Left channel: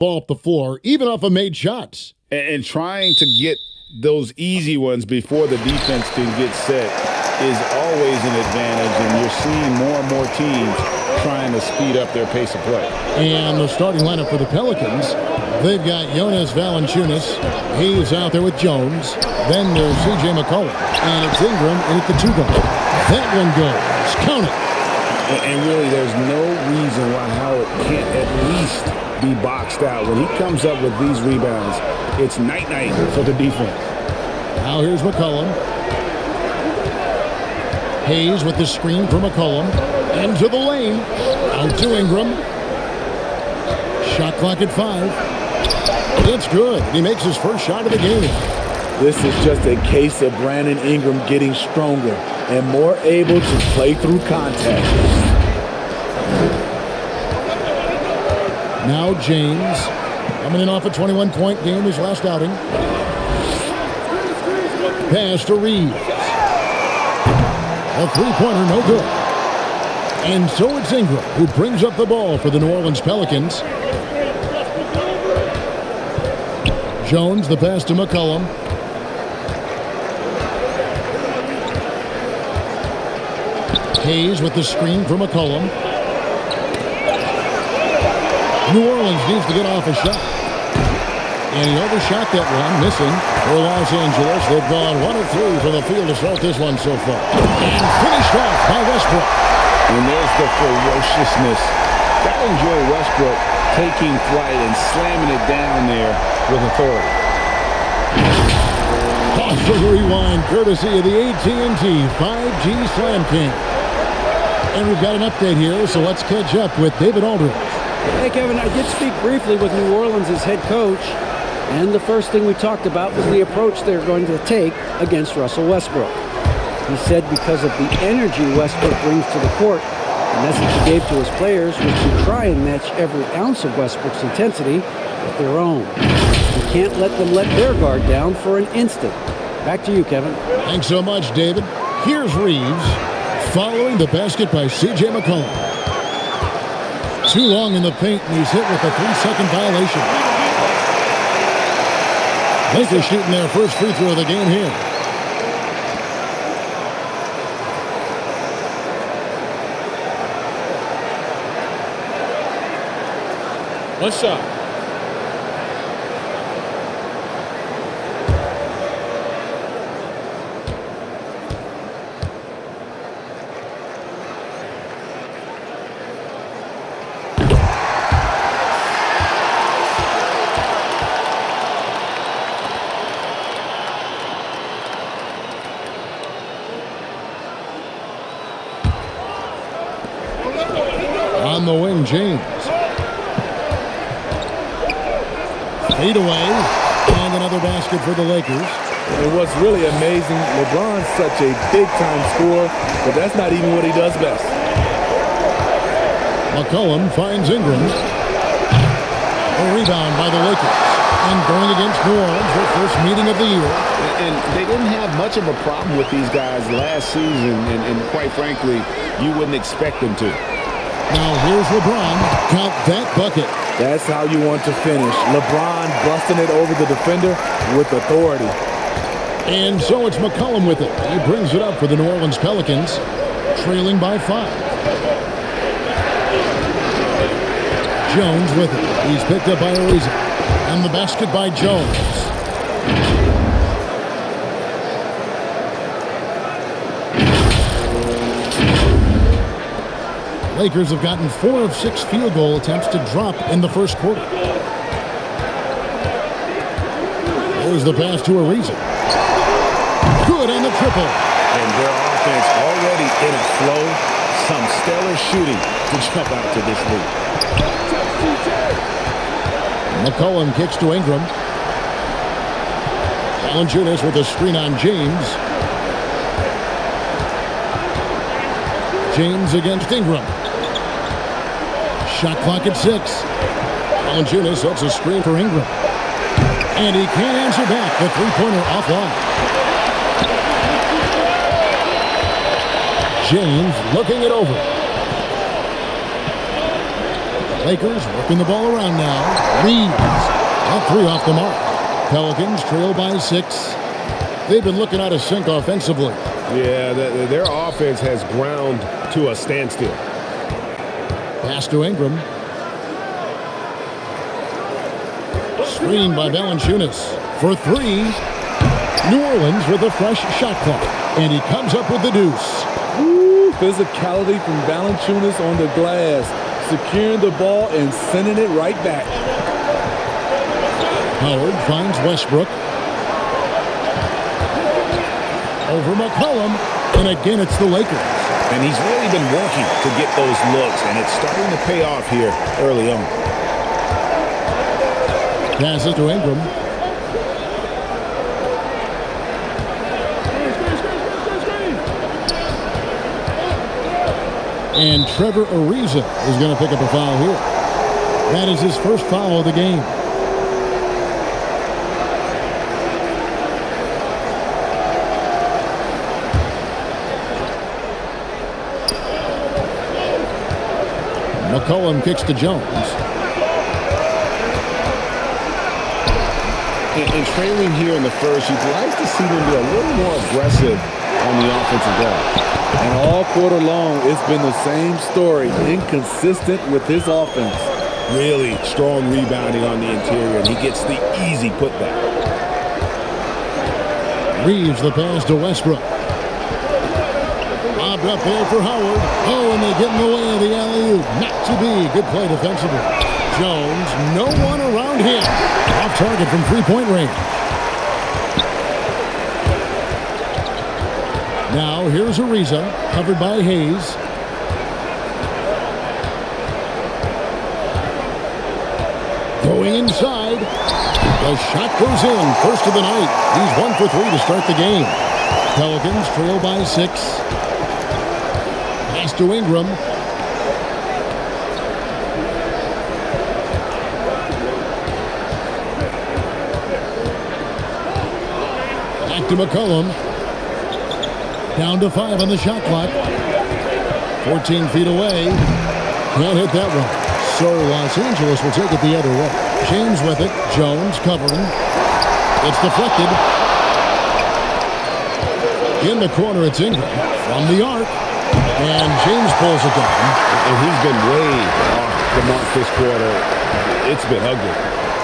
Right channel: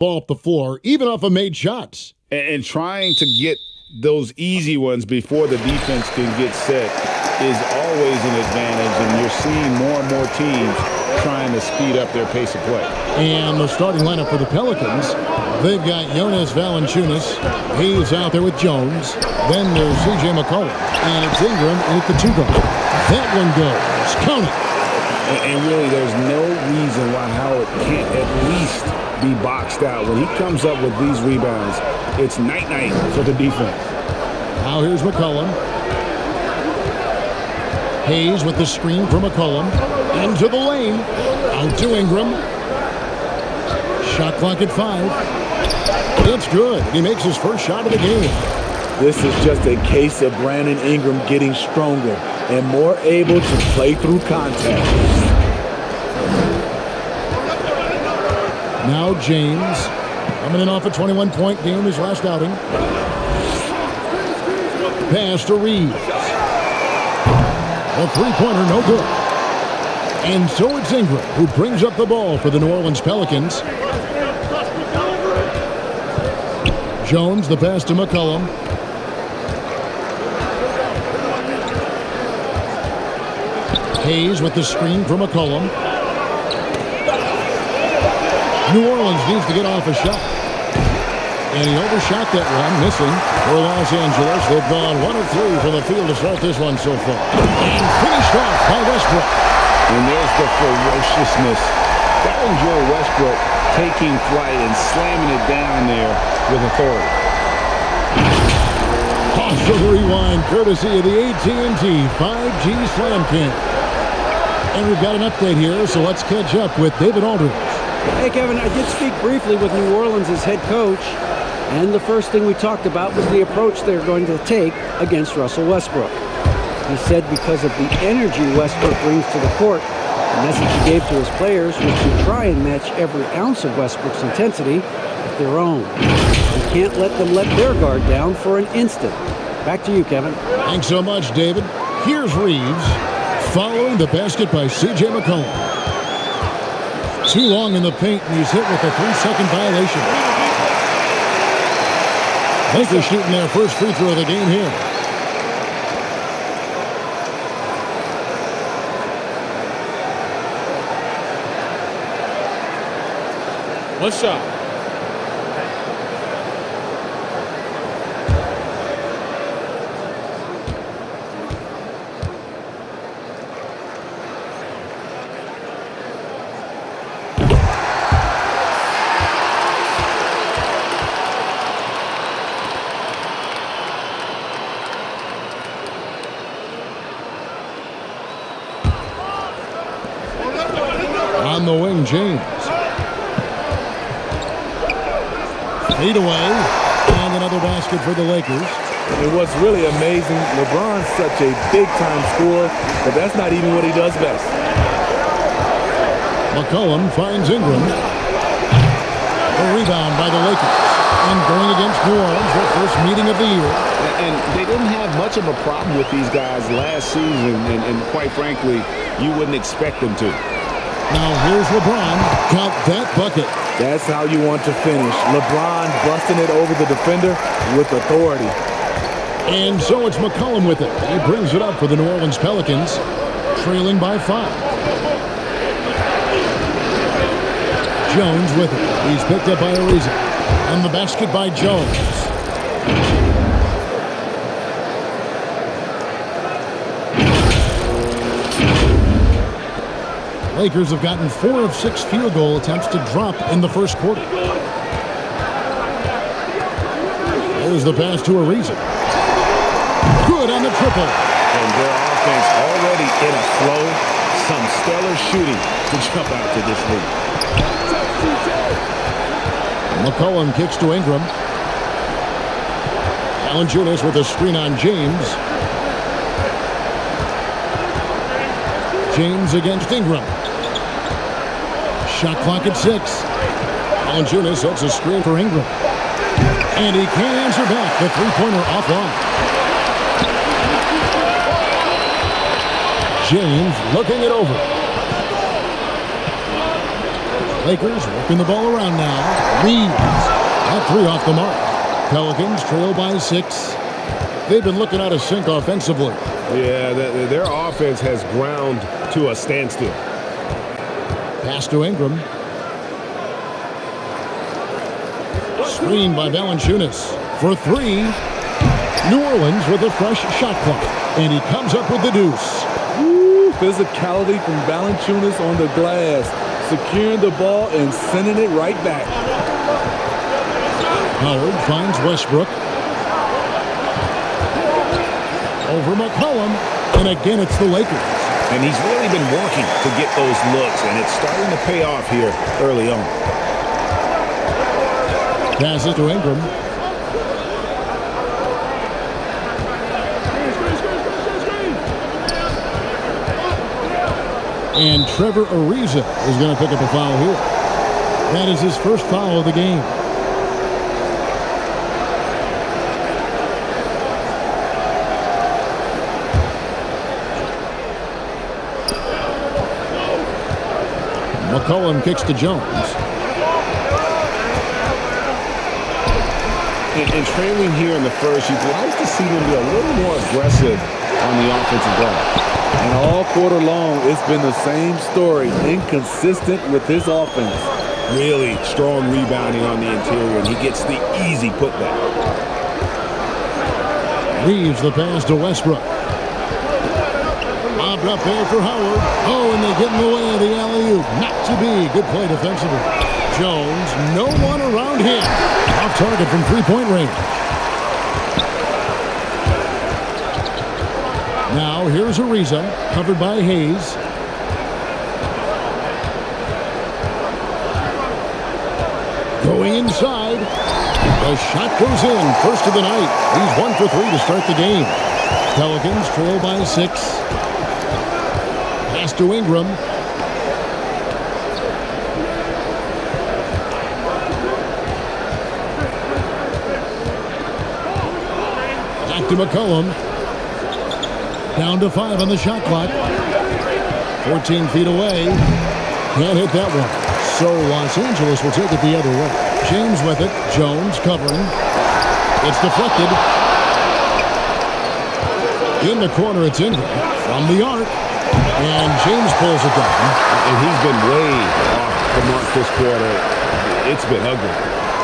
ball up the floor, even off of made shots. And trying to get those easy ones before the defense can get set is always an advantage, and you're seeing more and more teams trying to speed up their pace of play. And the starting lineup for the Pelicans, they've got Jonas Valenciunis. He's out there with Jones. Then there's CJ McCollum, and it's Ingram in at the 2 guard. That one goes. Count it. And really, there's no reason why Howard can't at least be boxed out. When he comes up with these rebounds, it's night-night for the defense. Now here's McCollum. Hayes with the screen for McCollum. Into the lane. Out to Ingram. Shot clock at 5. It's good. He makes his first shot of the game. This is just a case of Brandon Ingram getting stronger and more able to play through contact. Now James, coming in off a 21-point game, his last outing. Pass to Reeves. A three-pointer, no good. And so it's Ingram who brings up the ball for the New Orleans Pelicans. Jones, the pass to McCollum. Hayes with the screen for McCollum. New Orleans needs to get off a shot. And he overshot that one, missing for Los Angeles. They've gone 1 of 3 from the field to start this one so far. And finished off by Westbrook. And there's the ferociousness. Gotta enjoy Westbrook taking flight and slamming it down there with authority. Awesome rewind, courtesy of the AT&T 5G Slam Cam. And we've got an update here, so let's catch up with David Aldridge. Hey, Kevin, I did speak briefly with New Orleans' head coach, and the first thing we talked about was the approach they're going to take against Russell Westbrook. He said because of the energy Westbrook brings to the court, the message he gave to his players was to try and match every ounce of Westbrook's intensity with their own. You can't let them let their guard down for an instant. Back to you, Kevin. Thanks so much, David. Here's Reeves following the basket by C.J. McCollum. Too long in the paint, and he's hit with a 3-second violation. Lakers shooting their first free throw of the game here. One shot. On the wing, James. Fade away, and another basket for the Lakers. And what's really amazing, LeBron's such a big-time scorer, but that's not even what he does best. McCollum finds Ingram. A rebound by the Lakers. And going against New Orleans, their first meeting of the year. And they didn't have much of a problem with these guys last season, and quite frankly, you wouldn't expect them to. Now here's LeBron. Count that bucket. That's how you want to finish. LeBron busting it over the defender with authority. And so it's McCollum with it. He brings it up for the New Orleans Pelicans, trailing by 5. Jones with it. He's picked up by Ariza. On the basket by Jones. Lakers have gotten 4 of 6 field goal attempts to drop in the first quarter. There's the pass to Ariza. Good on the triple. And their offense already in a flow. Some stellar shooting to jump out to this lead. McCollum kicks to Ingram. Valenciunis with a screen on James. James against Ingram. Shot clock at 6. Valenciunis sets a screen for Ingram. And he can't answer back. The three-pointer offline. James looking it over. Lakers working the ball around now. Reeves. That three off the mark. Pelicans trail by 6. They've been looking out of sync offensively. Yeah, their offense has ground to a standstill. Pass to Ingram. Screen by Valenciunis for 3. New Orleans with a fresh shot clock. And he comes up with the deuce. Ooh, physicality from Valenciunis on the glass. Securing the ball and sending it right back. Howard finds Westbrook. Over McCollum. And again, it's the Lakers. And he's really been working to get those looks, and it's starting to pay off here early on. Passes to Ingram. And Trevor Ariza is going to pick up a foul here. That is his first foul of the game. McCollum kicks to Jones. And trailing here in the first, you'd like to see them be a little more aggressive on the offensive glass. And all quarter long, it's been the same story. Inconsistent with his offense. Really strong rebounding on the interior, and he gets the easy putback. Reeves the pass to Westbrook. Lobbed up there for Howard. Oh, and they get in the way of the alley-oop. Not to be. Good play defensively. Jones, no one around him. Off target from three-point range. Now, here's Ariza, covered by Hayes. Going inside. The shot goes in. First of the night. He's 1 for 3 to start the game. Pelicans trail by 6. Pass to Ingram. Back to McCollum. Down to 5 on the shot clock. 14 feet away. Can't hit that one. So Los Angeles will take it the other way. James with it. Jones covering. It's deflected. In the corner, it's Ingram. From the arc. And James pulls it down. And he's been way off the mark this quarter. It's been ugly.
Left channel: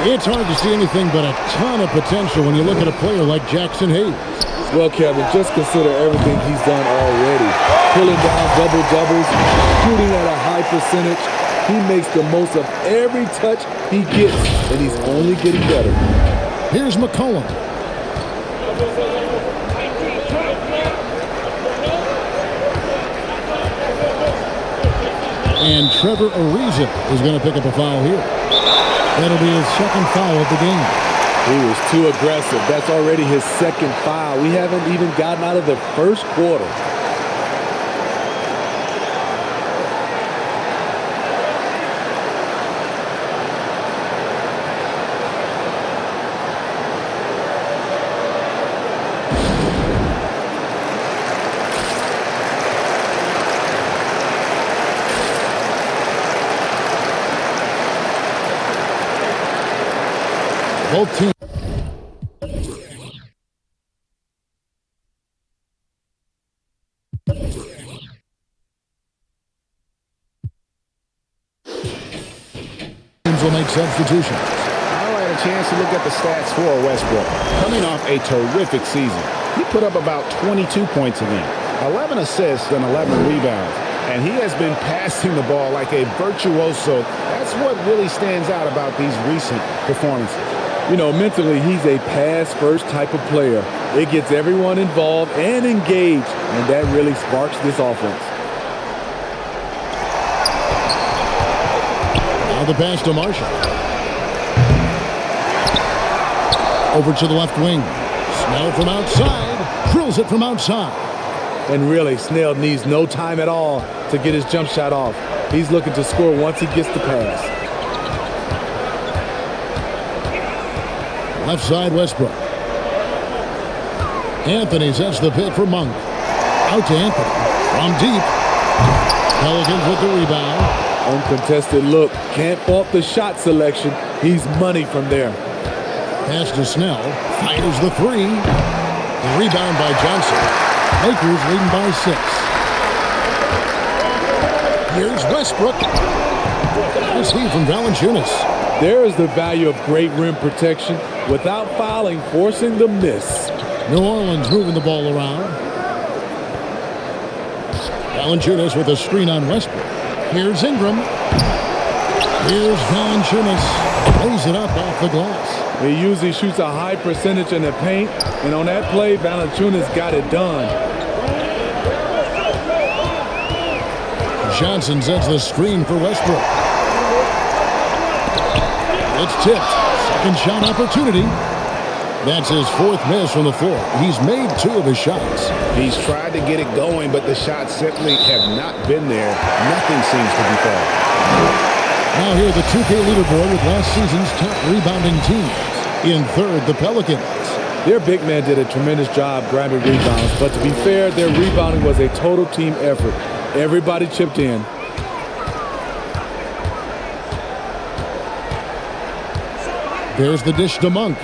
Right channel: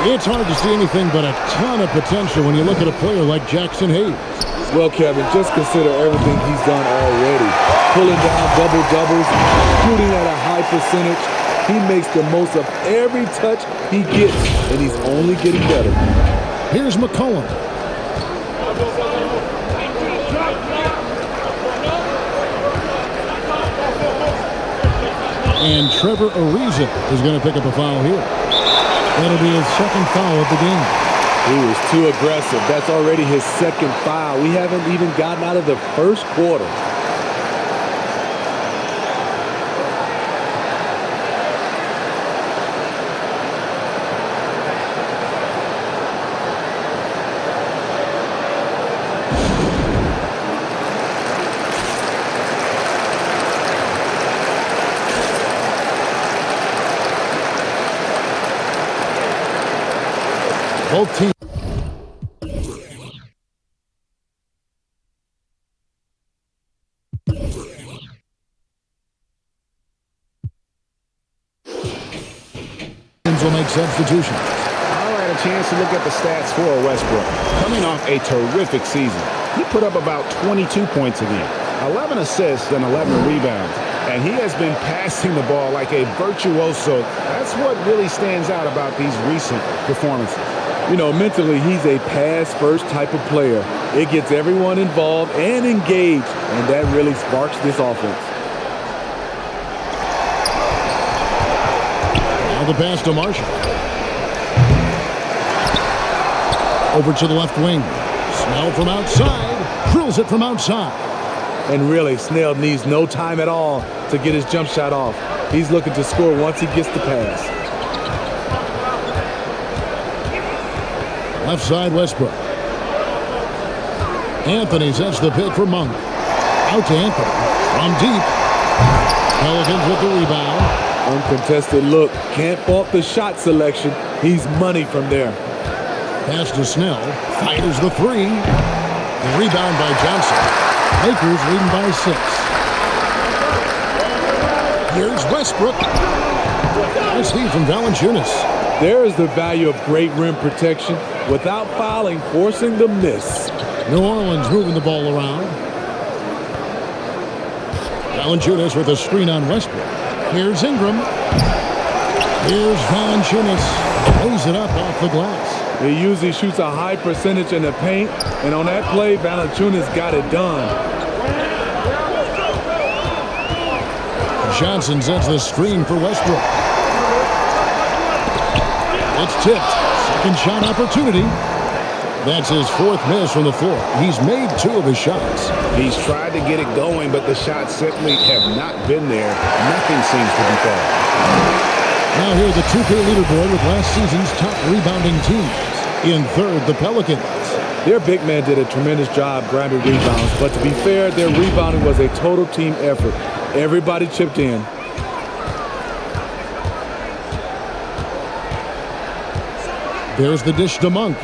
It's hard to see anything but a ton of potential when you look at a player like Jackson Hayes. Well, Kevin, just consider everything he's done already. Pulling down double-doubles, shooting at a high percentage. He makes the most of every touch he gets, and he's only getting better. Here's McCollum. And Trevor Ariza is going to pick up a foul here. That'll be his second foul of the game. He was too aggressive. That's already his second foul. We haven't even gotten out of the first quarter. Both teams. Teams will make substitutions. All right, a chance to look at the stats for Westbrook. Coming off a terrific season, he put up about 22 points a game, 11 assists and 11 rebounds. And he has been passing the ball like a virtuoso. That's what really stands out about these recent performances. You know, mentally, he's a pass-first type of player. It gets everyone involved and engaged, and that really sparks this offense. Now the pass to Marshall. Over to the left wing. Snell from outside. Drills it from outside. And really, Snell needs no time at all to get his jump shot off. He's looking to score once he gets the pass. Left side, Westbrook. Anthony sets the pick for Monk. Out to Anthony. From deep. Pelicans with the rebound. Uncontested look. Can't fault the shot selection. He's money from there. Pass to Snell. Fires the three. A rebound by Johnson. Lakers leading by 6. Here's Westbrook. Nice steal from Valenciunis. There is the value of great rim protection without fouling, forcing the miss. New Orleans moving the ball around. Valenciunis with a screen on Westbrook. Here's Ingram. Here's Valenciunis. Lays it up off the glass. He usually shoots a high percentage in the paint, and on that play, Valenciunis got it done. Johnson sets the screen for Westbrook. It's tipped. Second shot opportunity. That's his 4th miss from the floor. He's made 2 of his shots. He's tried to get it going, but the shots simply have not been there. Nothing seems to be falling. Now here the 2K leaderboard with last season's top rebounding teams. In 3rd, the Pelicans. Their big man did a tremendous job grabbing rebounds, but to be fair, their rebounding was a total team effort. Everybody chipped in. There's the dish to Monk.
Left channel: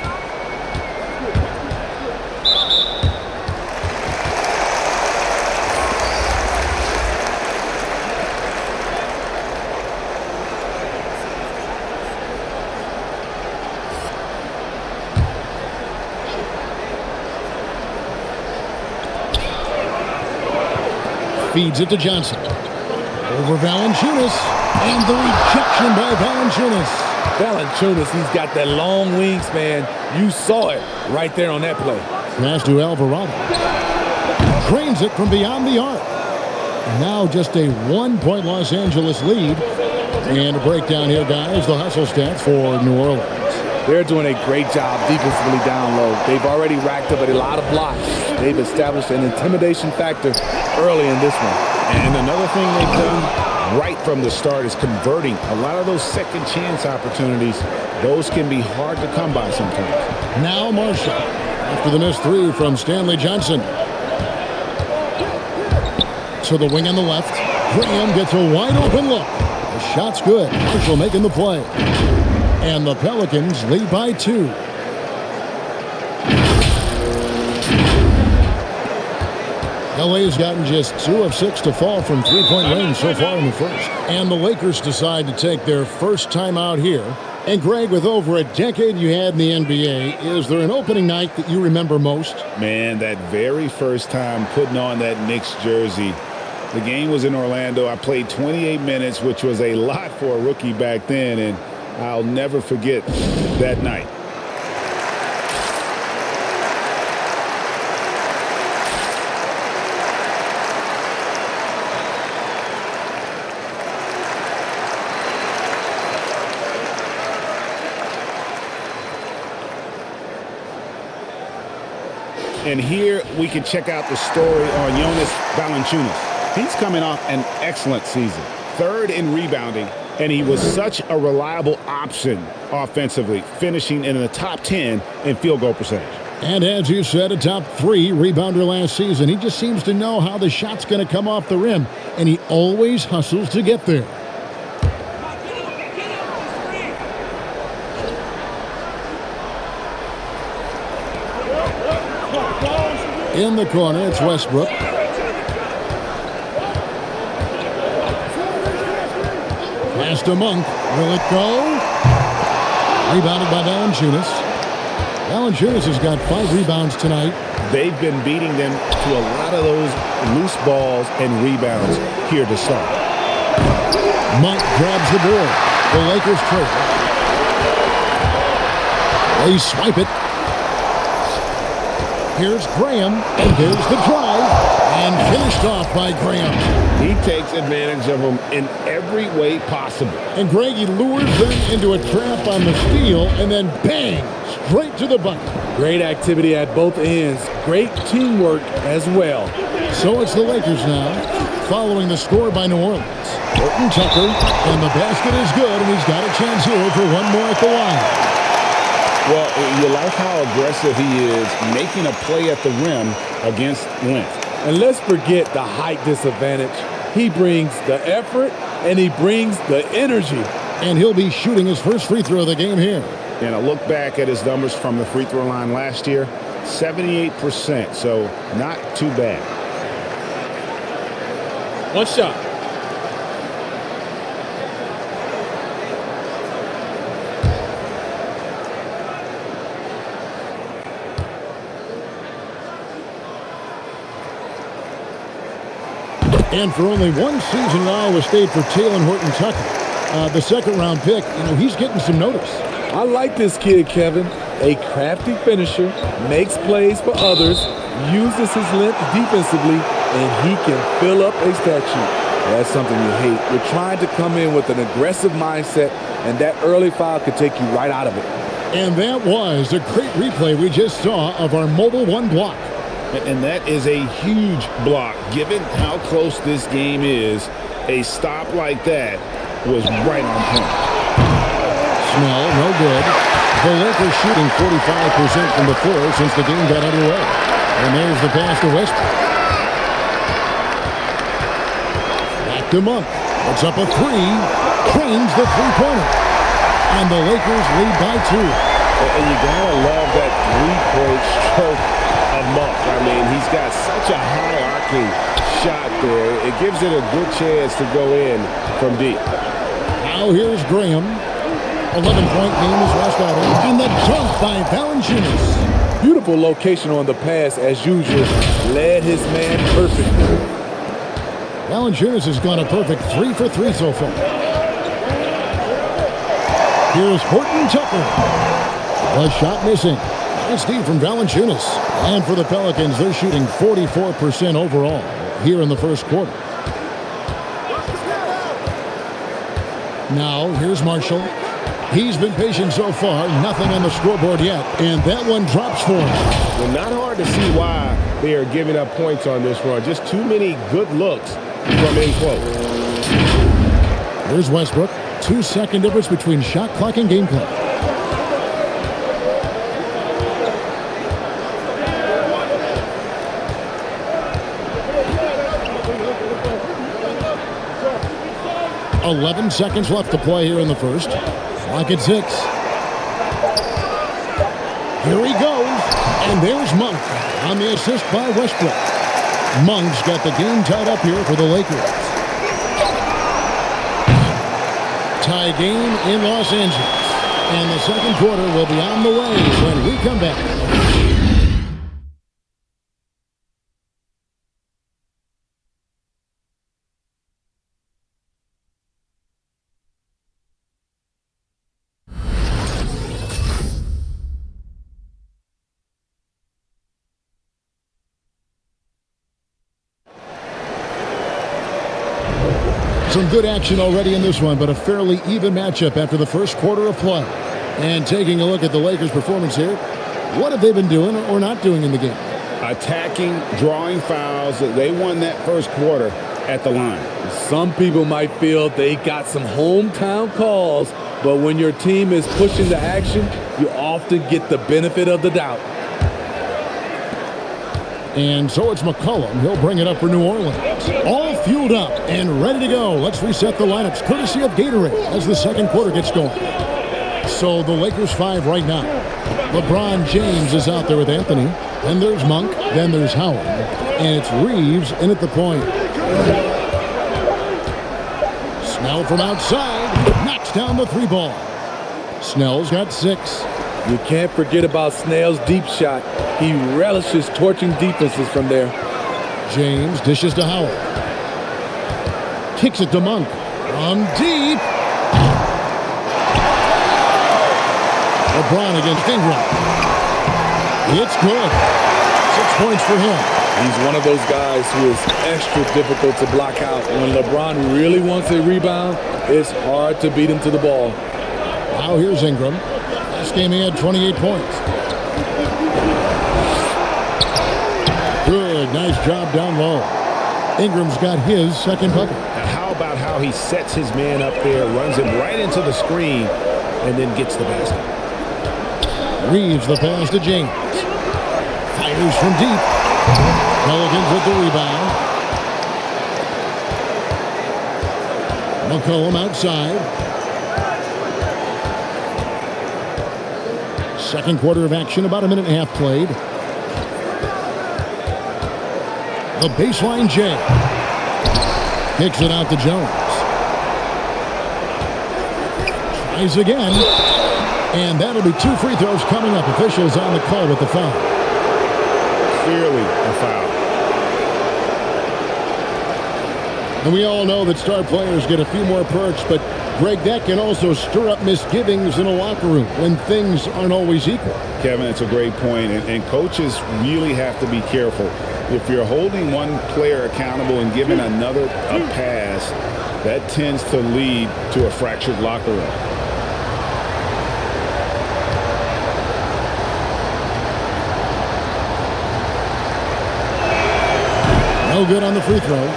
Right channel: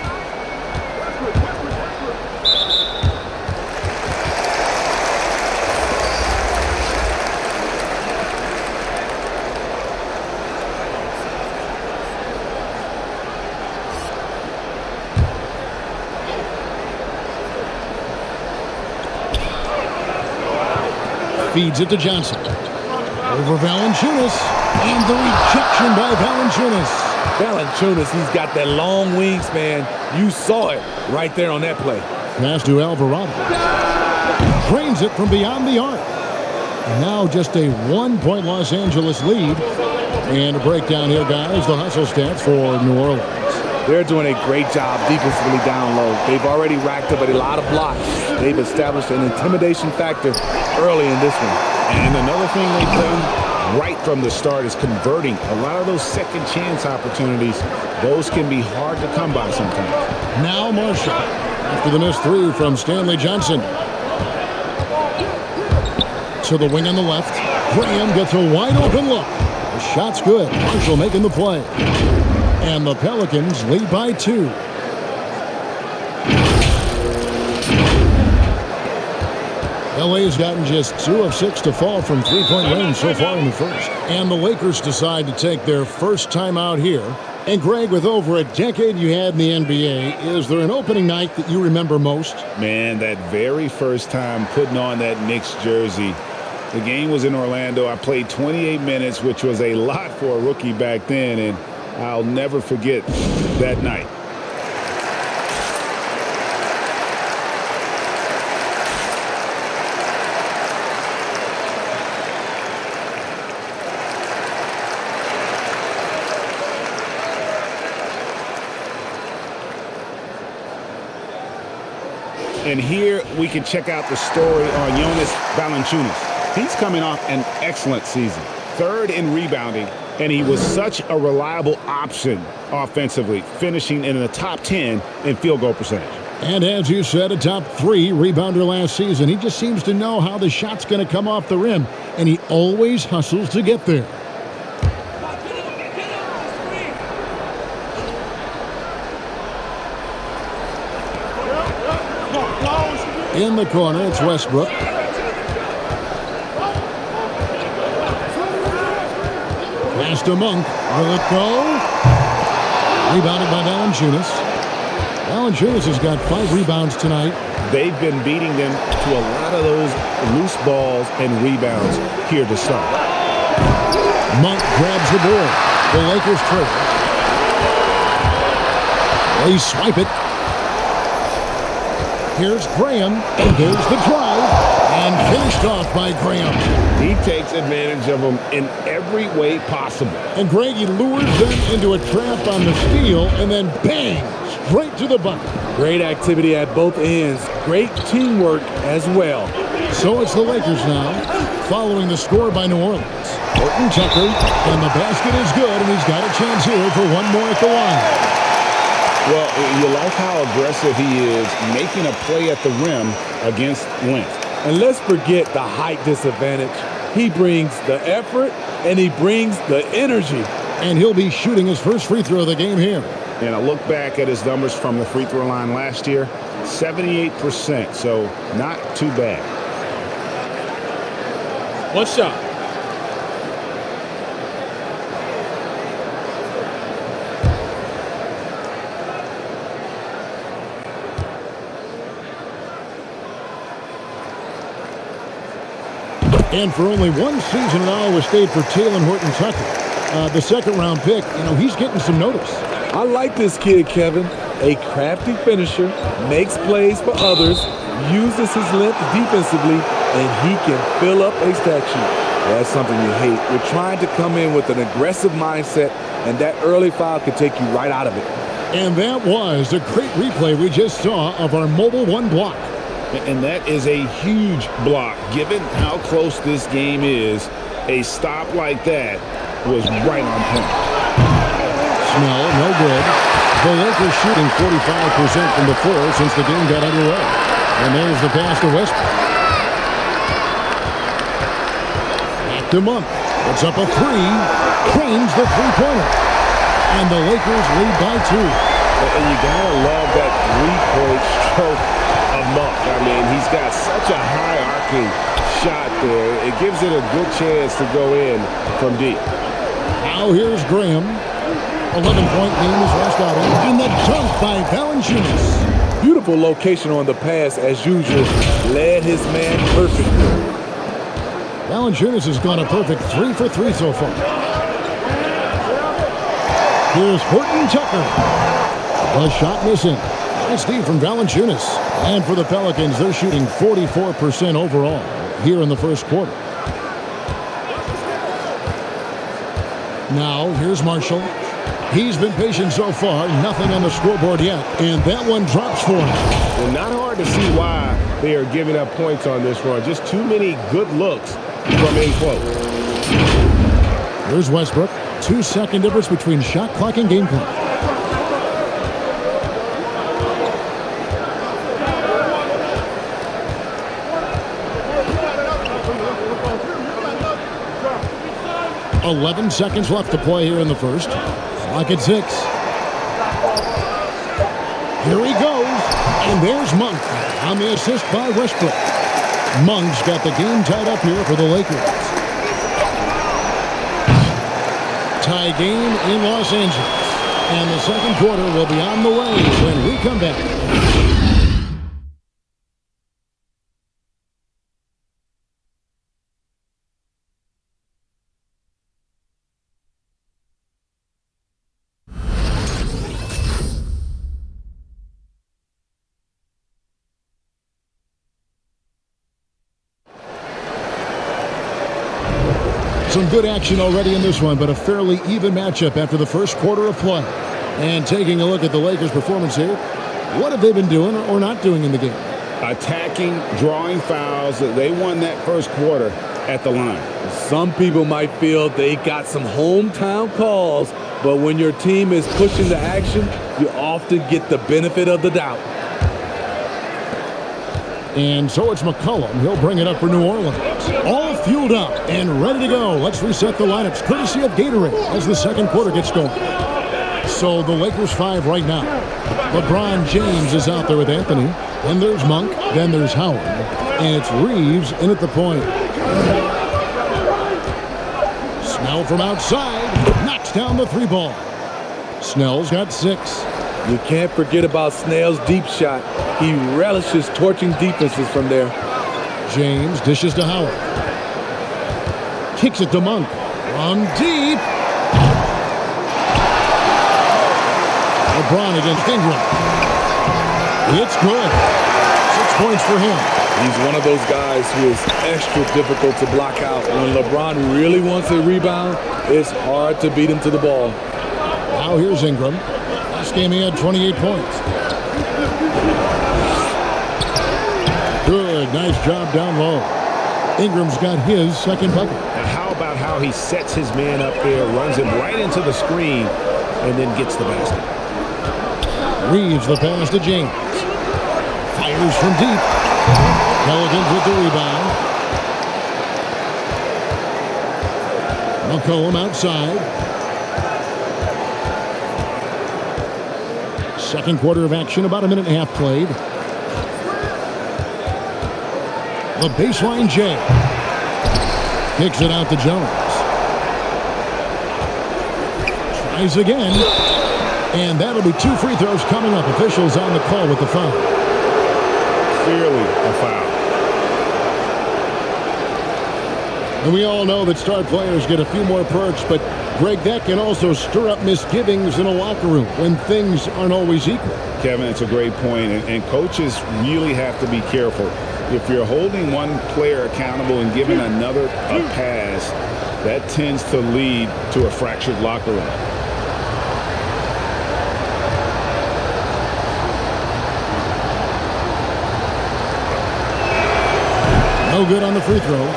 Feeds it to Johnson. Over Valenciunis. And the rejection by Valenciunis. Valenciunis, he's got that long wingspan. You saw it right there on that play. Pass to Alvarado. Drains it from beyond the arc. And now just a 1-point Los Angeles lead. And a breakdown here, guys. The hustle stats for New Orleans. They're doing a great job defensively down low. They've already racked up a lot of blocks. They've established an intimidation factor early in this one. And another thing they've done right from the start is converting a lot of those second chance opportunities. Those can be hard to come by sometimes. Now Marshall after the missed 3 from Stanley Johnson. To the wing on the left. Graham gets a wide open look. The shot's good. Marshall making the play. And the Pelicans lead by 2. LA has gotten just 2 of 6 to fall from 3-point range so far in the first. And the Lakers decide to take their first time out here. And Greg, with over a decade you had in the NBA, is there an opening night that you remember most? Man, that very first time putting on that Knicks jersey. The game was in Orlando. I played 28 minutes, which was a lot for a rookie back then, and I'll never forget that night. And here we can check out the story on Jonas Valenciunis. He's coming off an excellent season, 3rd in rebounding, and he was such a reliable option offensively, finishing in the top 10 in field goal percentage. And as you said, a top 3 rebounder last season. He just seems to know how the shot's going to come off the rim, and he always hustles to get there. In the corner, it's Westbrook. Pass to Monk. Will it go? Rebounded by Valenciunis. Valenciunis has got 5 rebounds tonight. They've been beating them to a lot of those loose balls and rebounds here to start. Monk grabs the board. The Lakers trail. They swipe it. Here's Graham, and there's the drive, and finished off by Graham. He takes advantage of them in every way possible. And Greg, he lures them into a trap on the steal, and then bang, straight to the bucket. Great activity at both ends. Great teamwork as well. So it's the Lakers now, following the score by New Orleans. Horton Tucker, and the basket is good, and he's got a chance here for one more at the line. Well, you like how aggressive he is, making a play at the rim against length. And let's forget the height disadvantage. He brings the effort, and he brings the energy. And he'll be shooting his first free throw of the game here. And I look back at his numbers from the free throw line last year, 78%, so not too bad. One shot. And for only one season at Iowa State for Talen Horton-Tucker, the second-round pick, he's getting some notice. I like this kid, Kevin. A crafty finisher, makes plays for others, uses his length defensively, and he can fill up a stat sheet. That's something you hate. You're trying to come in with an aggressive mindset, and that early foul could take you right out of it. And that was a great replay we just saw of our Mobile One block. And that is a huge block. Given how close this game is, a stop like that was right on point. Snell, no good. The Lakers shooting 45% from the floor since the game got underway. And there's the pass to Westbrook. Back to Monk. Puts up a three. Cranes the three-pointer. And the Lakers lead by 2. And you got to love that three-point stroke of Monk. I mean, he's got such a high arcing shot there. It gives it a good chance to go in from deep. Now here's Graham. 11-point game his last outing. And the dunk by Valenciunis. Beautiful location on the pass, as usual. Led his man perfectly. Valenciunis has gone a perfect 3 for 3 so far. Here's Horton-Tucker. The shot missing. Nice D from Valenciunis. And for the Pelicans, they're shooting 44% overall here in the first quarter. Now, here's Marshall. He's been patient so far. Nothing on the scoreboard yet. And that one drops for him. And not hard to see why they are giving up points on this run. Just too many good looks from in close. Here's Westbrook. 2-second difference between shot clock and game clock. "11 seconds left to play here in the first. Clock at 6. Here he goes. And there's Monk on the assist by Westbrook. Monk's got the game tied up here for the Lakers. Tie game in Los Angeles. And the second quarter will be on the way when we come back. Some good action already in this one, but a fairly even matchup after the first quarter of play. And taking a look at the Lakers' performance here, what have they been doing or not doing in the game? Attacking, drawing fouls. They won that first quarter at the line. Some people might feel they got some hometown calls, but when your team is pushing the action, you often get the benefit of the doubt. And so it's McCollum. He'll bring it up for New Orleans. All fueled up and ready to go. Let's reset the lineups courtesy of Gatorade as the second quarter gets going. So the Lakers 5 right now. LeBron James is out there with Anthony. Then there's Monk. Then there's Howard. And it's Reeves in at the point. Snell from outside. Knocks down the 3 ball. Snell's got 6. You can't forget about Snell's deep shot. He relishes torching defenses from there. James dishes to Howard. Kicks it to Monk. From deep. LeBron against Ingram. It's good. 6 points for him. He's one of those guys who is extra difficult to block out. When LeBron really wants a rebound, it's hard to beat him to the ball. Now here's Ingram. Last game he had 28 points. Good, nice job down low. Ingram's got his second bucket. Now, how about how he sets his man up there, runs him right into the screen, and then gets the basket. Reeves the pass to James. Fires from deep. Pelicans with the rebound. McCollum outside. Second quarter of action, about a minute and a half played. The baseline J. Kicks it out to Jones. Tries again. And that'll be 2 free throws coming up. Officials on the call with the foul. Clearly a foul. And we all know that star players get a few more perks, but Greg, that can also stir up misgivings in a locker room when things aren't always equal. Kevin, it's a great point, and coaches really have to be careful. If you're holding one player accountable and giving another a pass, that tends to lead to a fractured locker room. No good on the free throw.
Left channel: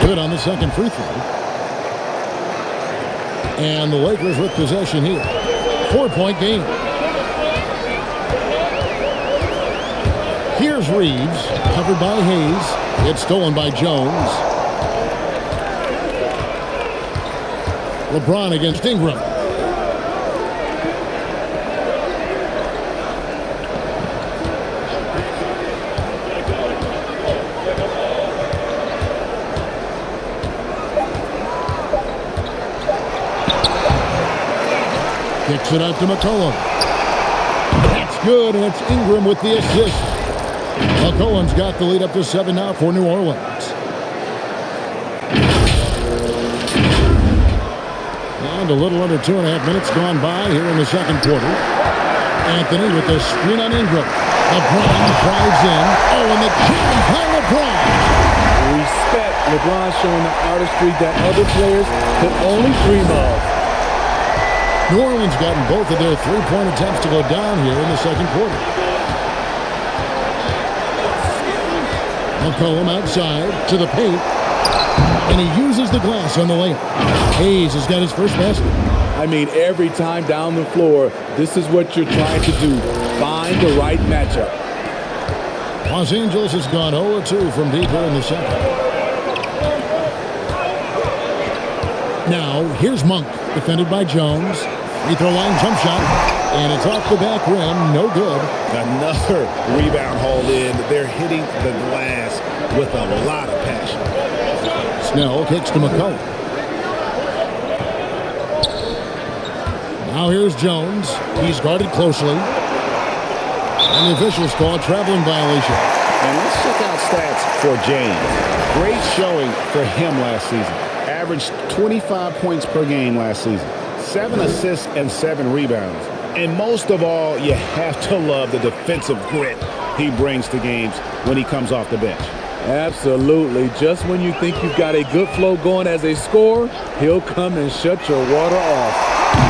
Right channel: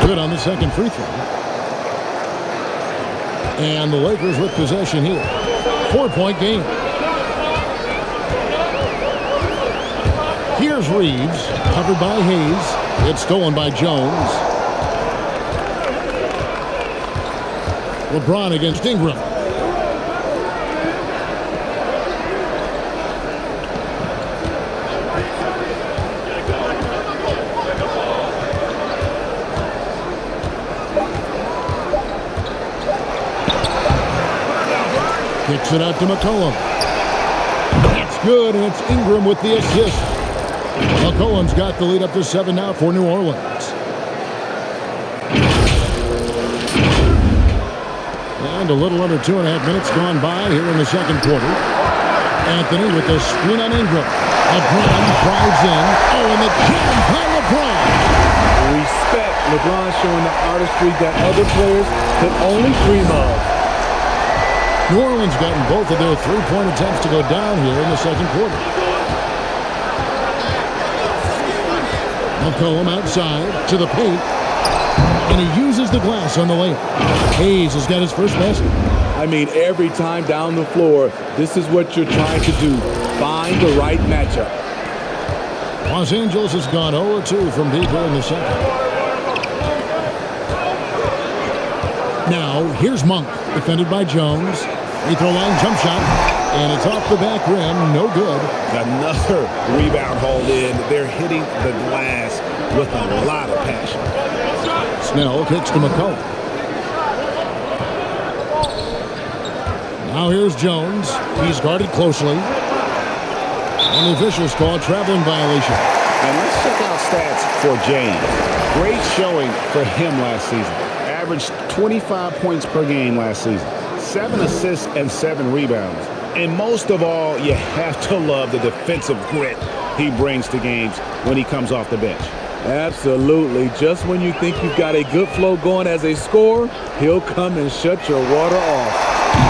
Good on the second free throw. And the Lakers with possession here. 4-point game. Here's Reeves, covered by Hayes. It's stolen by Jones. LeBron against Ingram. Kicks it out to McCollum. That's good, and it's Ingram with the assist. McCollum's got the lead up to 7 now for New Orleans. And a little under 2.5 minutes gone by here in the second quarter. Anthony with the screen on Ingram. LeBron drives in. Oh, and the jam by LeBron. Respect. LeBron showing the artistry that other players could only dream of. New Orleans gotten both of their three-point attempts to go down here in the second quarter. McCollum outside to the paint. And he uses the glass on the layup. Hayes has got his first basket. I mean, every time down the floor, this is what you're trying to do. Find the right matchup. Los Angeles has gone 0-2 from deep here in the second. Now, here's Monk, defended by Jones. Free throw line jump shot, and it's off the back rim, no good. Another rebound hauled in. They're hitting the glass with a lot of passion. Snell kicks to McCollum. Now here's Jones. He's guarded closely. And the officials call a traveling violation. And let's check out stats for James. Great showing for him last season. Averaged 25 points per game last season. 7 assists and 7 rebounds. And most of all, you have to love the defensive grit he brings to games when he comes off the bench. Absolutely. Just when you think you've got a good flow going as a scorer, he'll come and shut your water off.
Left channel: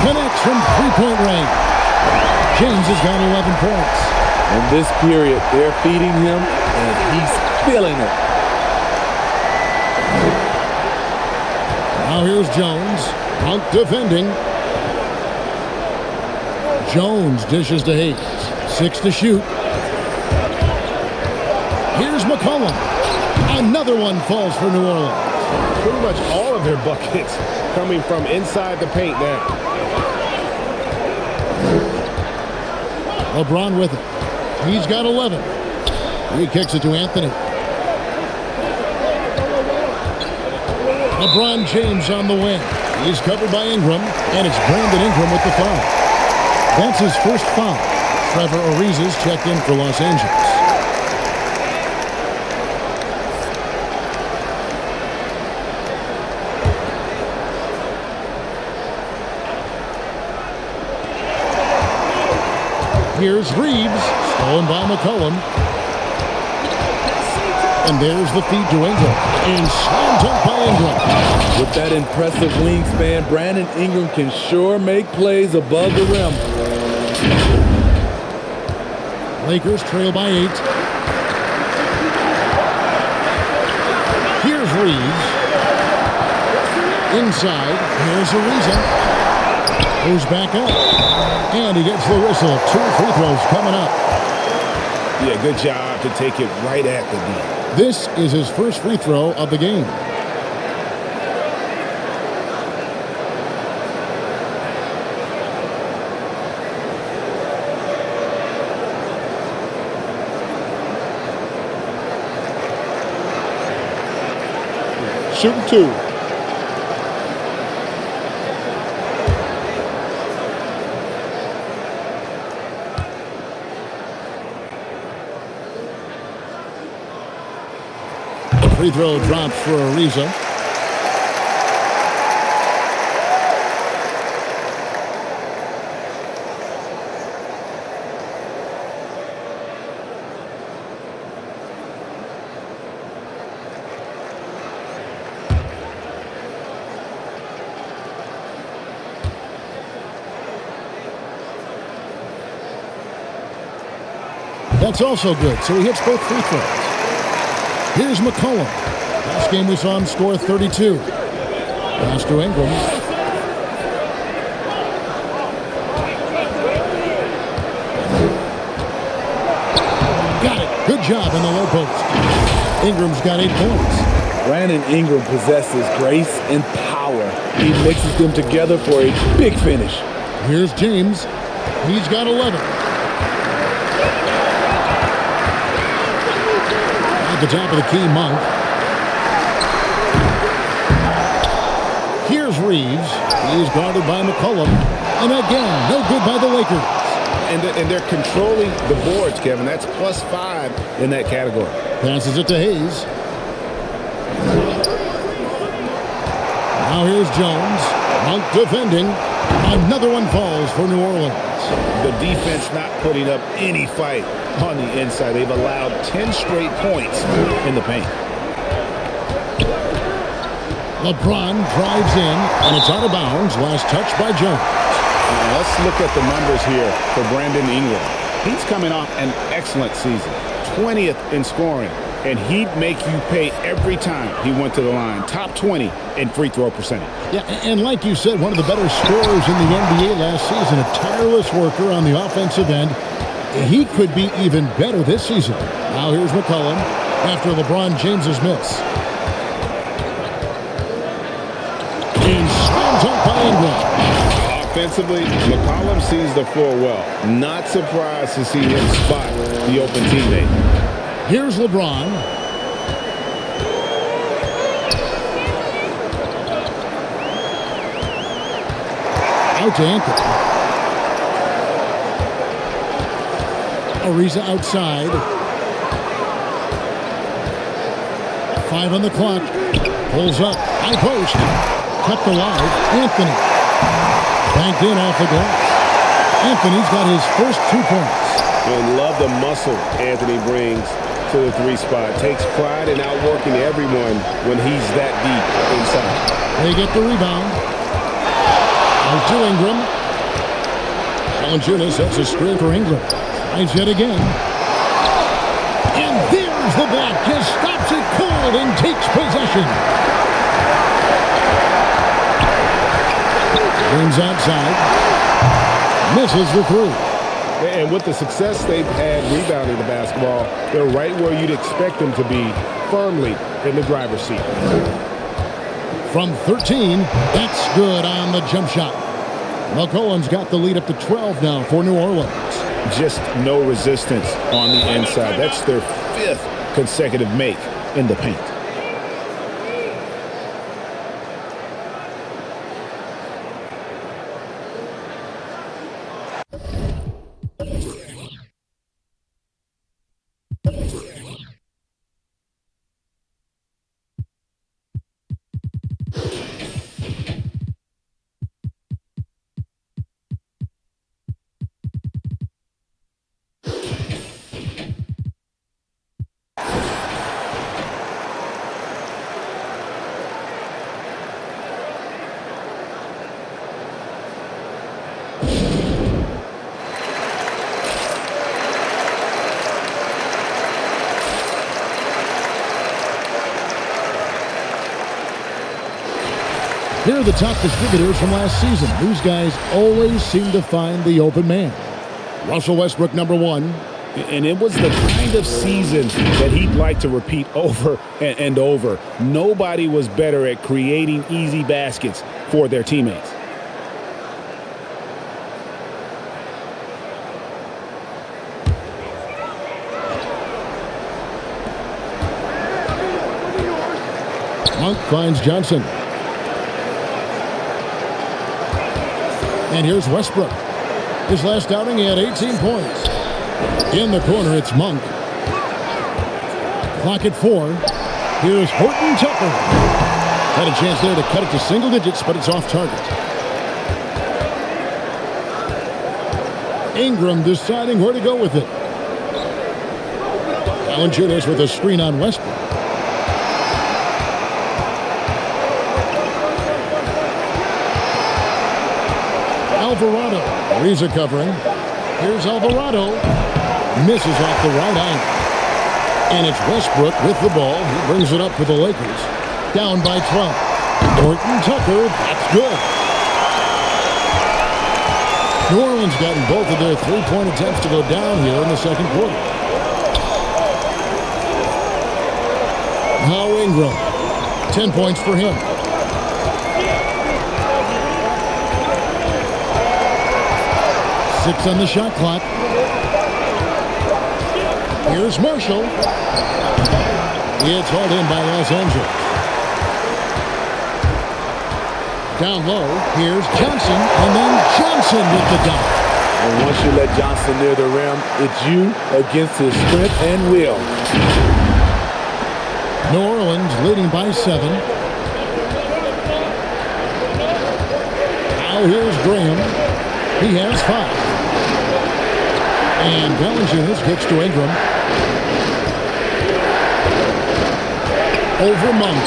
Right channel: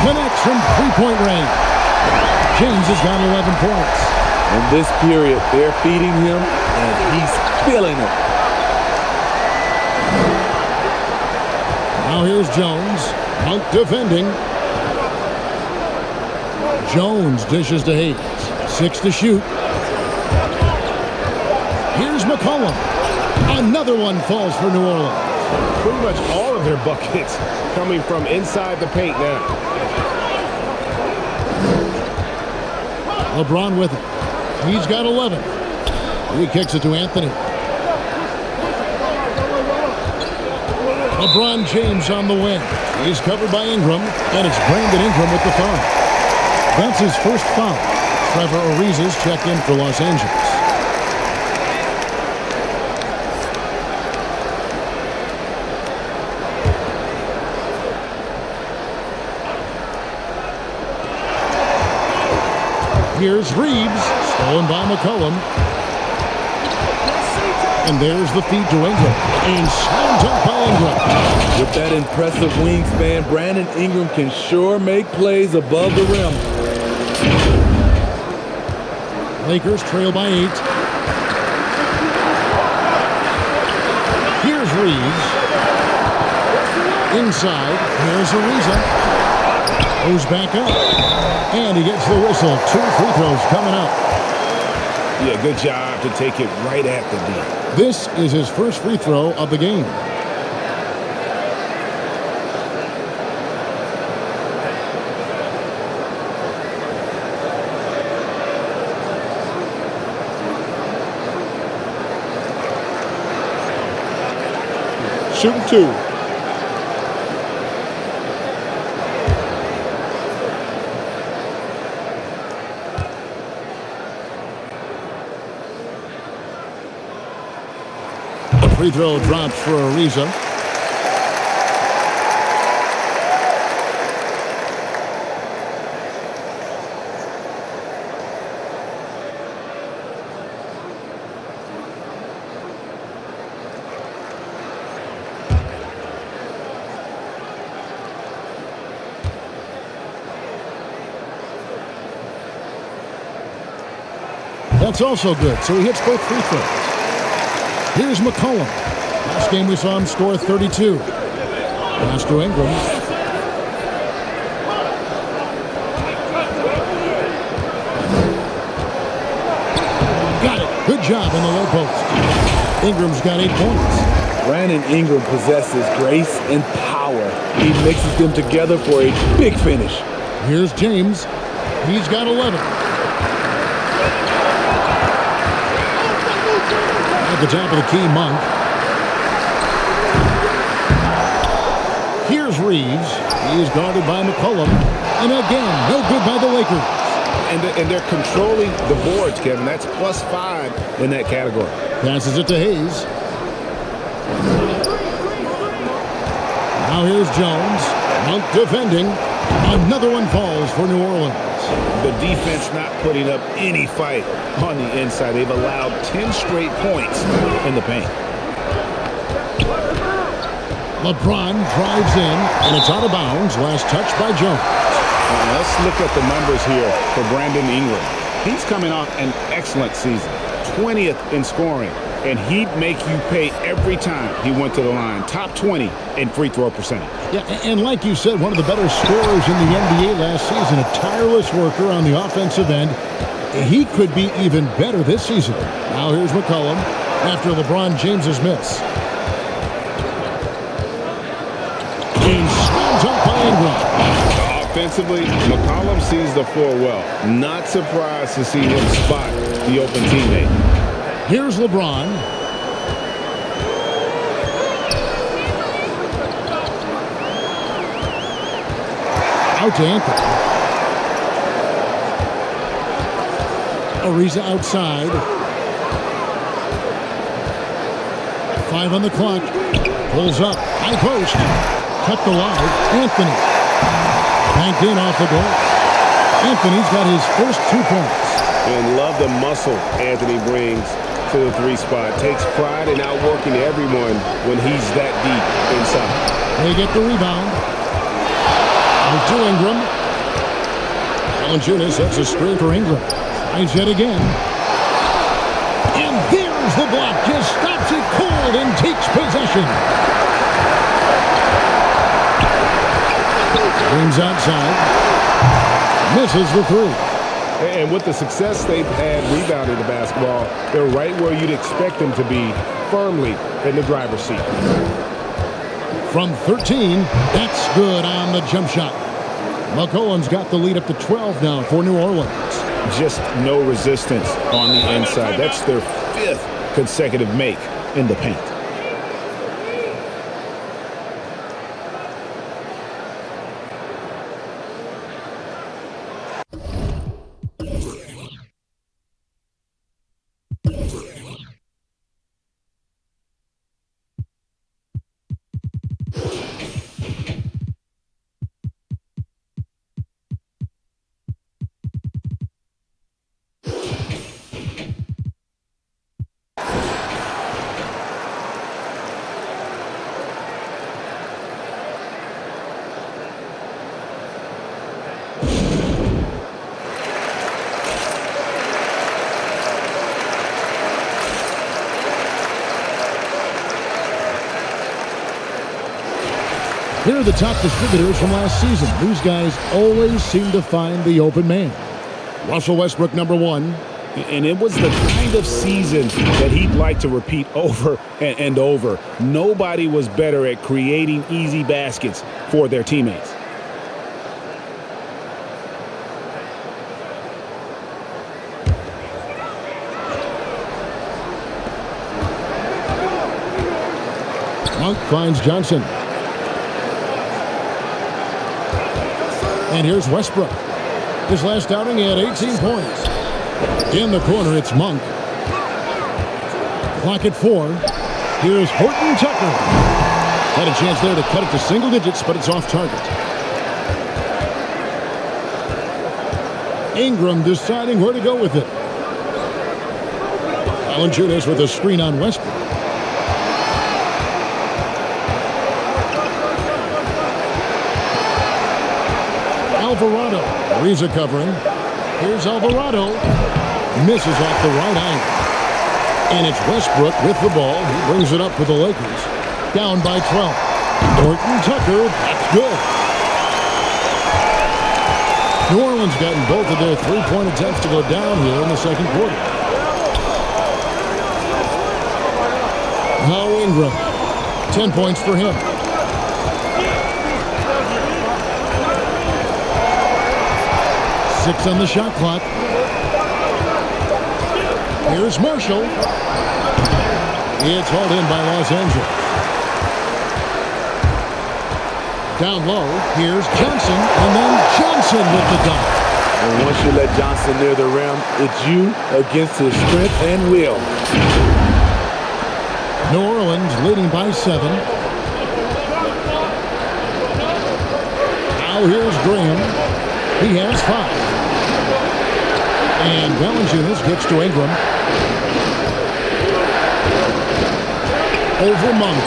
Connects from three-point range. James has got 11 points. In this period, they're feeding him, and he's feeling it. Now here's Jones. Monk defending. Jones dishes to Hayes. 6 to shoot. Here's McCollum. Another one falls for New Orleans. Pretty much all of their buckets coming from inside the paint now. LeBron with it. He's got 11. He kicks it to Anthony. LeBron James on the wing. He's covered by Ingram, and it's Brandon Ingram with the foul. That's his first foul. Trevor Ariza's checked in for Los Angeles. Here's Reeves, stolen by McCollum. And there's the feed to Ingram. And slam dunk by Ingram. With that impressive wingspan, Brandon Ingram can sure make plays above the rim. Lakers trail by 8. Here's Reeves. Inside. Here's Ariza. Goes back up. And he gets the whistle. 2 free throws coming up. Yeah, good job to take it right at the D. This is his first free throw of the game. Shooting 2. Free throw drops for Ariza. That's also good, so he hits both free throws. Here's McCollum. Last game we saw him score 32. Pass to Ingram. Got it. Good job in the low post. Ingram's got 8 points. Brandon Ingram possesses grace and power. He mixes them together for a big finish. Here's James. He's got 11. At the top of the key, Monk. Here's Reeves. He is guarded by McCollum. And again, no good by the Lakers. And they're controlling the boards, Kevin. That's +5 in that category. Passes it to Hayes. Now here's Jones. Monk defending. Another one falls for New Orleans. The defense not putting up any fight on the inside. They've allowed 10 straight points in the paint. LeBron drives in, and it's out of bounds. Last touch by Jones. Let's look at the numbers here for Brandon Ingram. He's coming off an excellent season. 20th in scoring, and he'd make you pay every time he went to the line. Top 20 in free throw percentage. Yeah, and like you said, one of the better scorers in the NBA last season. A tireless worker on the offensive end. He could be even better this season. Now here's McCollum after LeBron James's miss. And slam dunk by Ingram. Offensively, McCollum sees the floor well. Not surprised to see him spot the open teammate. Here's LeBron. Out to Anthony. Ariza outside. 5 on the clock. Pulls up. High post. Kept alive. Anthony. Banked in off the glass. Anthony's got his first 2 points. And love the muscle Anthony brings to the 3 spot. Takes pride in outworking everyone when he's that deep inside. They get the rebound. Out to Ingram. Valenciunis sets a screen for Ingram. Tries yet again. And there's the block. Just stops it cold and takes possession. James outside. Misses the 3. And with the success they've had rebounding the basketball, they're right where you'd expect them to be, firmly in the driver's seat. From 13, that's good on the jump shot. McCollum's got the lead up to 12 now for New Orleans. Just no resistance on the inside. That's their 5th consecutive make in the paint. Here are the top distributors from last season. These guys always seem to find the open man. Russell Westbrook, number 1. And it was the kind of season that he'd like to repeat over and over. Nobody was better at creating easy baskets for their teammates. Monk finds Johnson. And here's Westbrook. His last outing, he had 18 points. In the corner, it's Monk. Clock at 4. Here's Horton Tucker. Had a chance there to cut it to single digits, but it's off target. Ingram deciding where to go with it. Valenciunis with a screen on Westbrook. Alvarado. Ariza covering. Here's Alvarado. Misses off the right iron. And it's Westbrook with the ball. He brings it up for the Lakers. Down by 12. Horton Tucker. That's good. New Orleans gotten both of their three-point attempts to go down here in the second quarter. Now Ingram. 10 points for him. Six on the shot clock. Here's Marshall. It's hauled in by Los Angeles. Down low, here's Johnson, and then Johnson with the dunk. And once you let Johnson near the rim, it's you against his strength and will. New Orleans leading by 7. Now here's Graham. He has 5. And Valenciunis kicks to Ingram. Over Monk.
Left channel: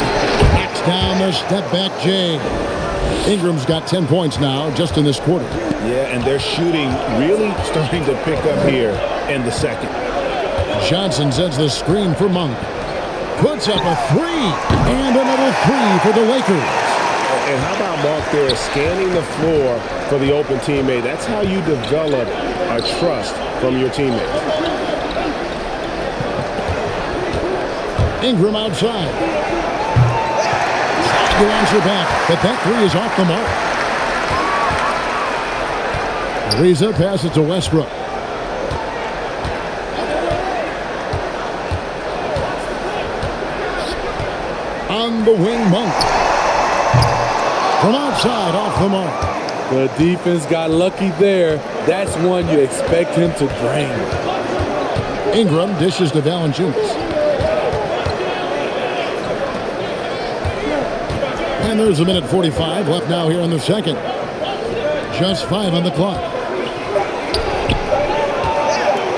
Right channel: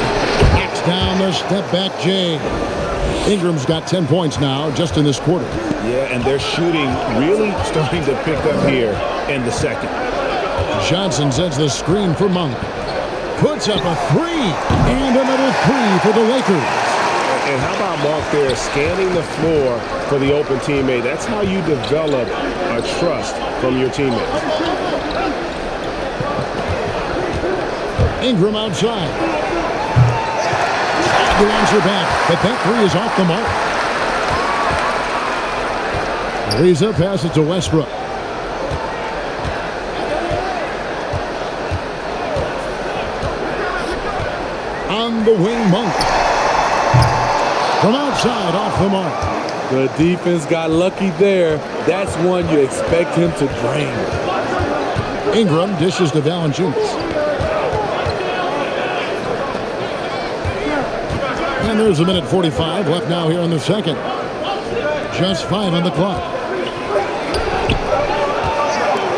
Knocks down the step-back J. Ingram's got 10 points now just in this quarter. Yeah, and their shooting really starting to pick up here in the second. Johnson sends the screen for Monk. Puts up a 3. And another 3 for the Lakers. And how about Monk there scanning the floor for the open teammate? That's how you develop a trust from your teammates. Ingram outside. Trying to answer back, but that 3 is off the mark. Ariza passes to Westbrook. On the wing, Monk. From outside, off the mark. The defense got lucky there. That's one you expect him to drain. Ingram dishes to Valenciunis. And there's a minute 45 left now here in the second. Just 5 on the clock.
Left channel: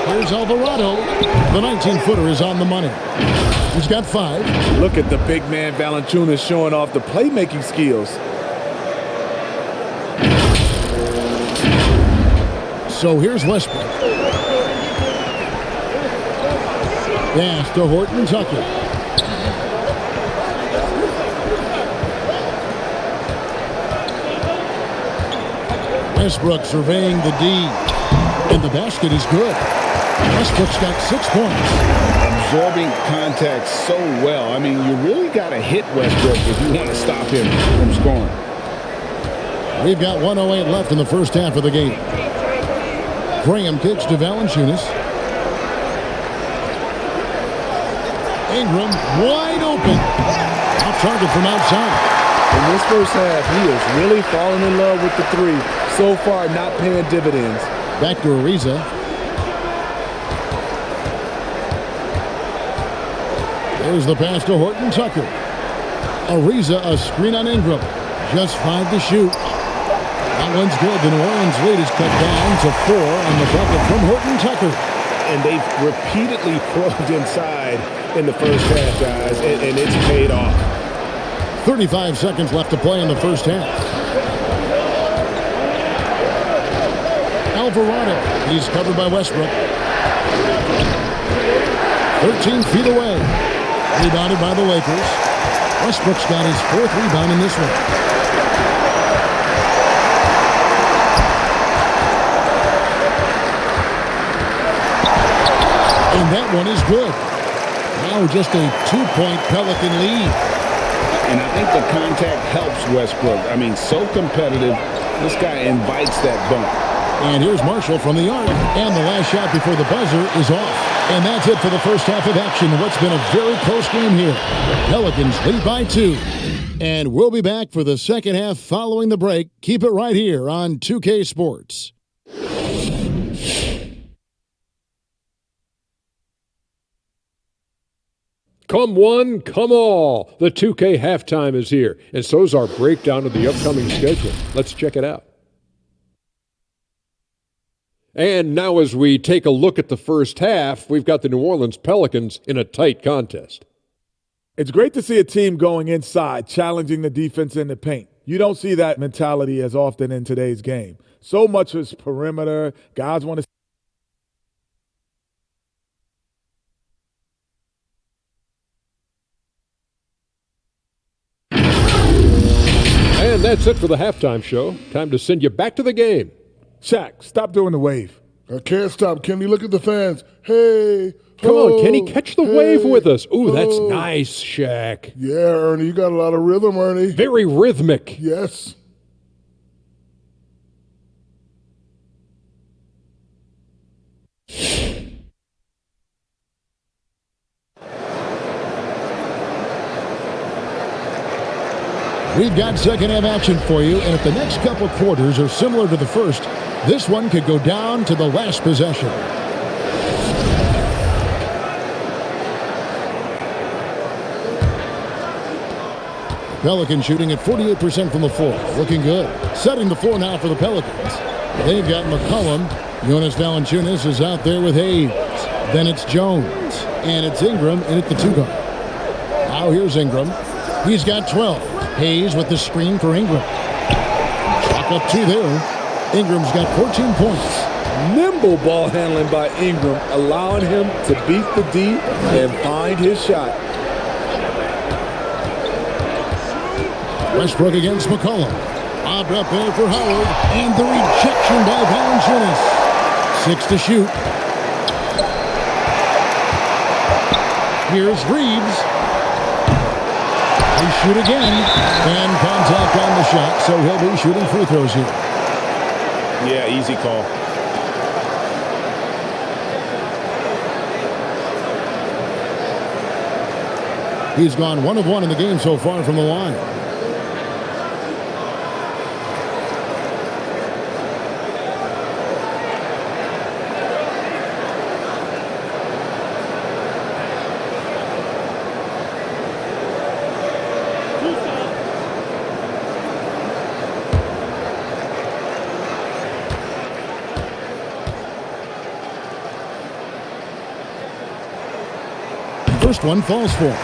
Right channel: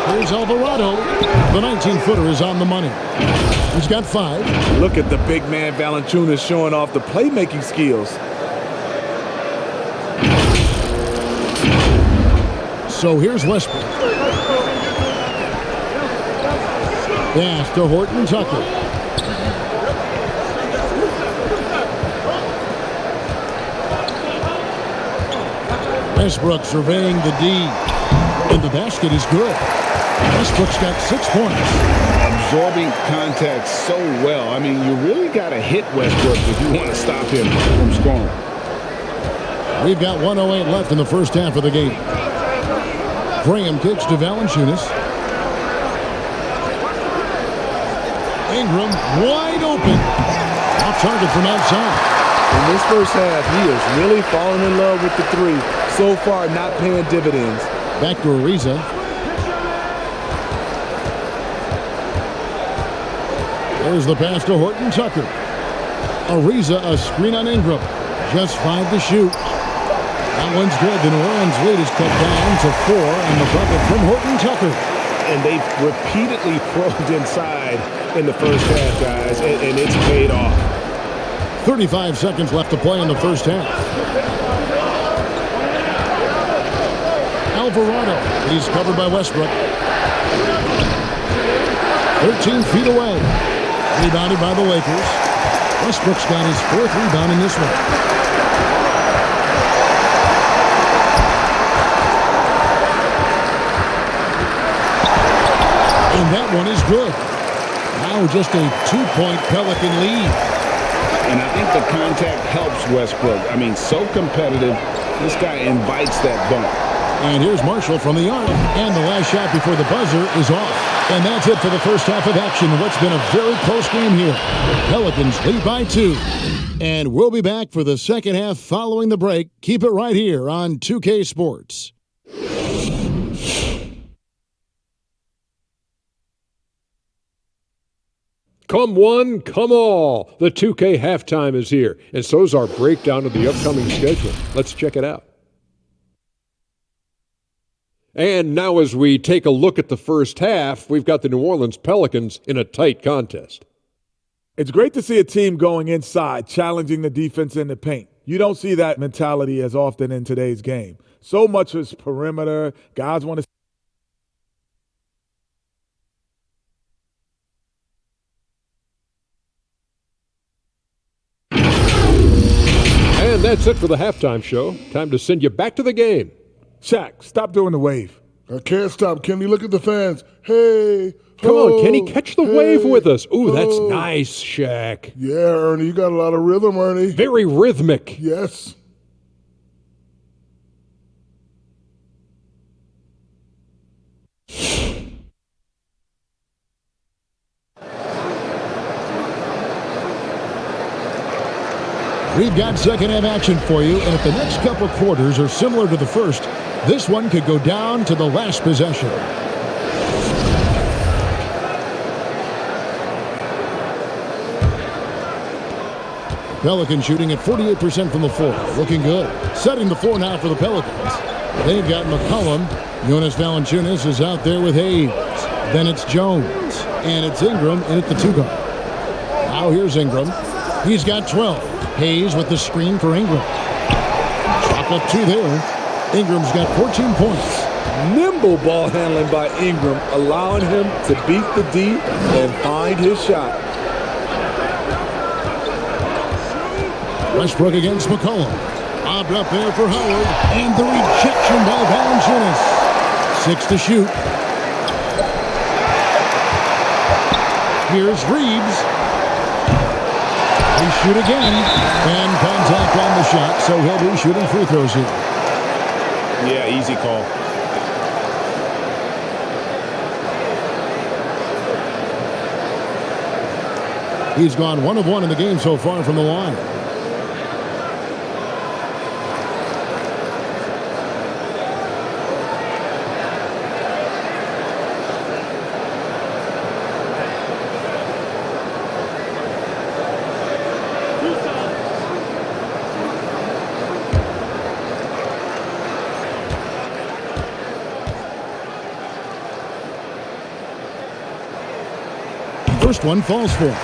Here's Alvarado. The 19-footer is on the money. He's got 5. Look at the big man Valenciunis showing off the playmaking skills. So here's Westbrook. Pass to Horton Tucker. Westbrook surveying the D. And the basket is good. Westbrook's got 6 points. Absorbing contact so well. I mean, you really got to hit Westbrook if you want to stop him from scoring. We've got 1:08 left in the first half of the game. Graham kicks to Valenciunis. Ingram wide open. Off target from outside. In this first half, he is really falling in love with the 3. So far, not paying dividends. Back to Ariza. There's the pass to Horton Tucker. Ariza, a screen on Ingram. Just 5 to shoot. That one's good. The New Orleans lead is cut down to 4 on the bucket from Horton Tucker. And they've repeatedly probed inside in the first half, guys, and it's paid off. 35 seconds left to play in the first half. Alvarado. He's covered by Westbrook. 13 feet away. Rebounded by the Lakers. Westbrook's got his 4th rebound in this one. And that one is good. Now just a 2-point Pelican lead. And I think the contact helps Westbrook. I mean, so competitive. This guy invites that bump. And here's Marshall from the arc. And the last shot before the buzzer is off. And that's it for the first half of action in what's been a very close game here. The Pelicans lead by 2. And we'll be back for the second half following the break. Keep it right here on 2K Sports. Come one, come all. The 2K halftime is here, and so is our breakdown of the upcoming schedule. Let's check it out. And now as we take a look at the first half, we've got the New Orleans Pelicans in a tight contest. It's great to see a team going inside, challenging the defense in the paint. You don't see that mentality as often in today's game. So much is perimeter. Guys want to. And that's it for the halftime show. Time to send you back to the game. Shaq, stop doing the wave. I can't stop. Kenny, look at the fans. Hey. Come on, Kenny, catch the wave with us. Ooh, that's ho. nice, Shaq. Yeah, Ernie, you got a lot of rhythm, Ernie. Very rhythmic. Yes. We've got second half action for you, and if the next couple quarters are similar to the first, this one could go down to the last possession. Pelicans shooting at 48% from the floor. Looking good. Setting the floor now for the Pelicans. They've got McCollum. Jonas Valenciunis is out there with Hayes. Then it's Jones. And it's Ingram in at the 2 guard. Now here's Ingram. He's got 12. Hayes with the screen for Ingram. Chalk up 2 there. Ingram's got 14 points. Nimble ball handling by Ingram, allowing him to beat the D and find his shot. Westbrook against McCollum. Lobbed up there for Howard. And the rejection by Valenciunis. 6 to shoot. Here's Reeves. They shoot again. And contact on the shot, so he'll be shooting free throws here. Yeah, easy call. He's gone 1 of 1 in the game so far from the line. First one falls for.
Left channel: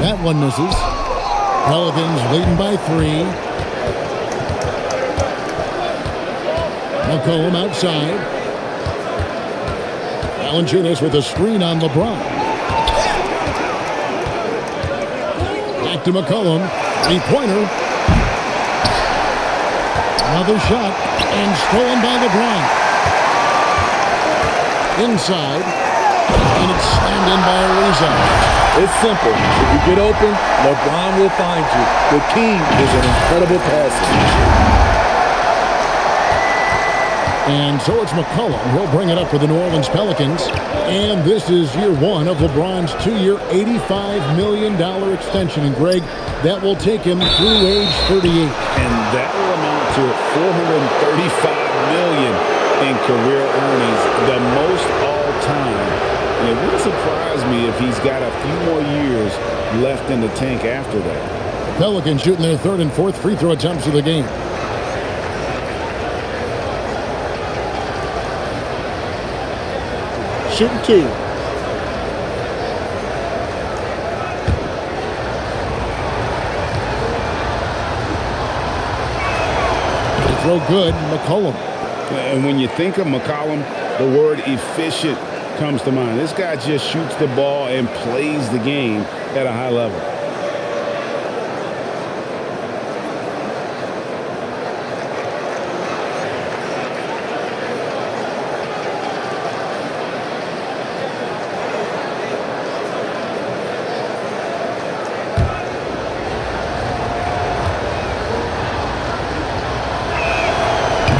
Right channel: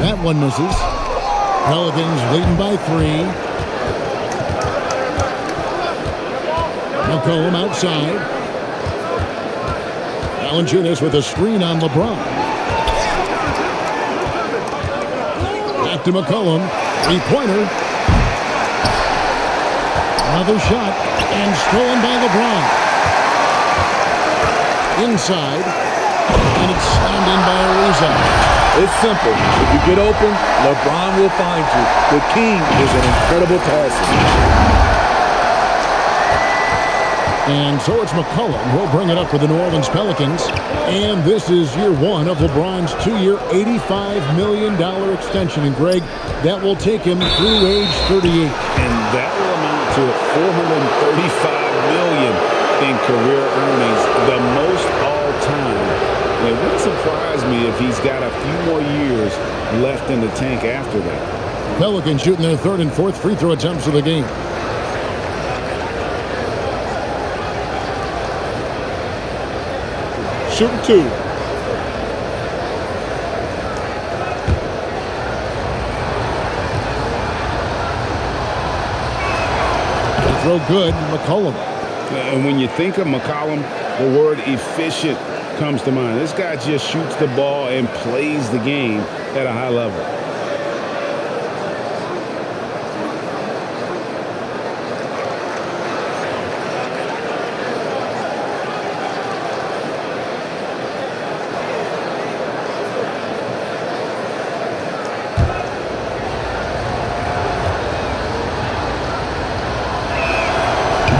That one misses. Pelicans leading by 3. McCollum outside. Valenciunis with a screen on LeBron. Back to McCollum. 3-pointer. Another shot. And stolen by LeBron. Inside. And it's slammed in by Ariza. It's simple. If you get open, LeBron will find you. The king is an incredible passer. And so it's McCollum. He'll bring it up for the New Orleans Pelicans. And this is year 1 of LeBron's 2-year, $85 million extension. And Greg, that will take him through age 38. And that will amount to $435 million in career earnings, the most all time. And it wouldn't surprise me if he's got a few more years left in the tank after that. Pelicans shooting their 3rd and 4th free throw attempts of the game. Shooting 2. throw good. McCollum. And when you think of McCollum, the word efficient comes to mind. This guy just shoots the ball and plays the game at a high level.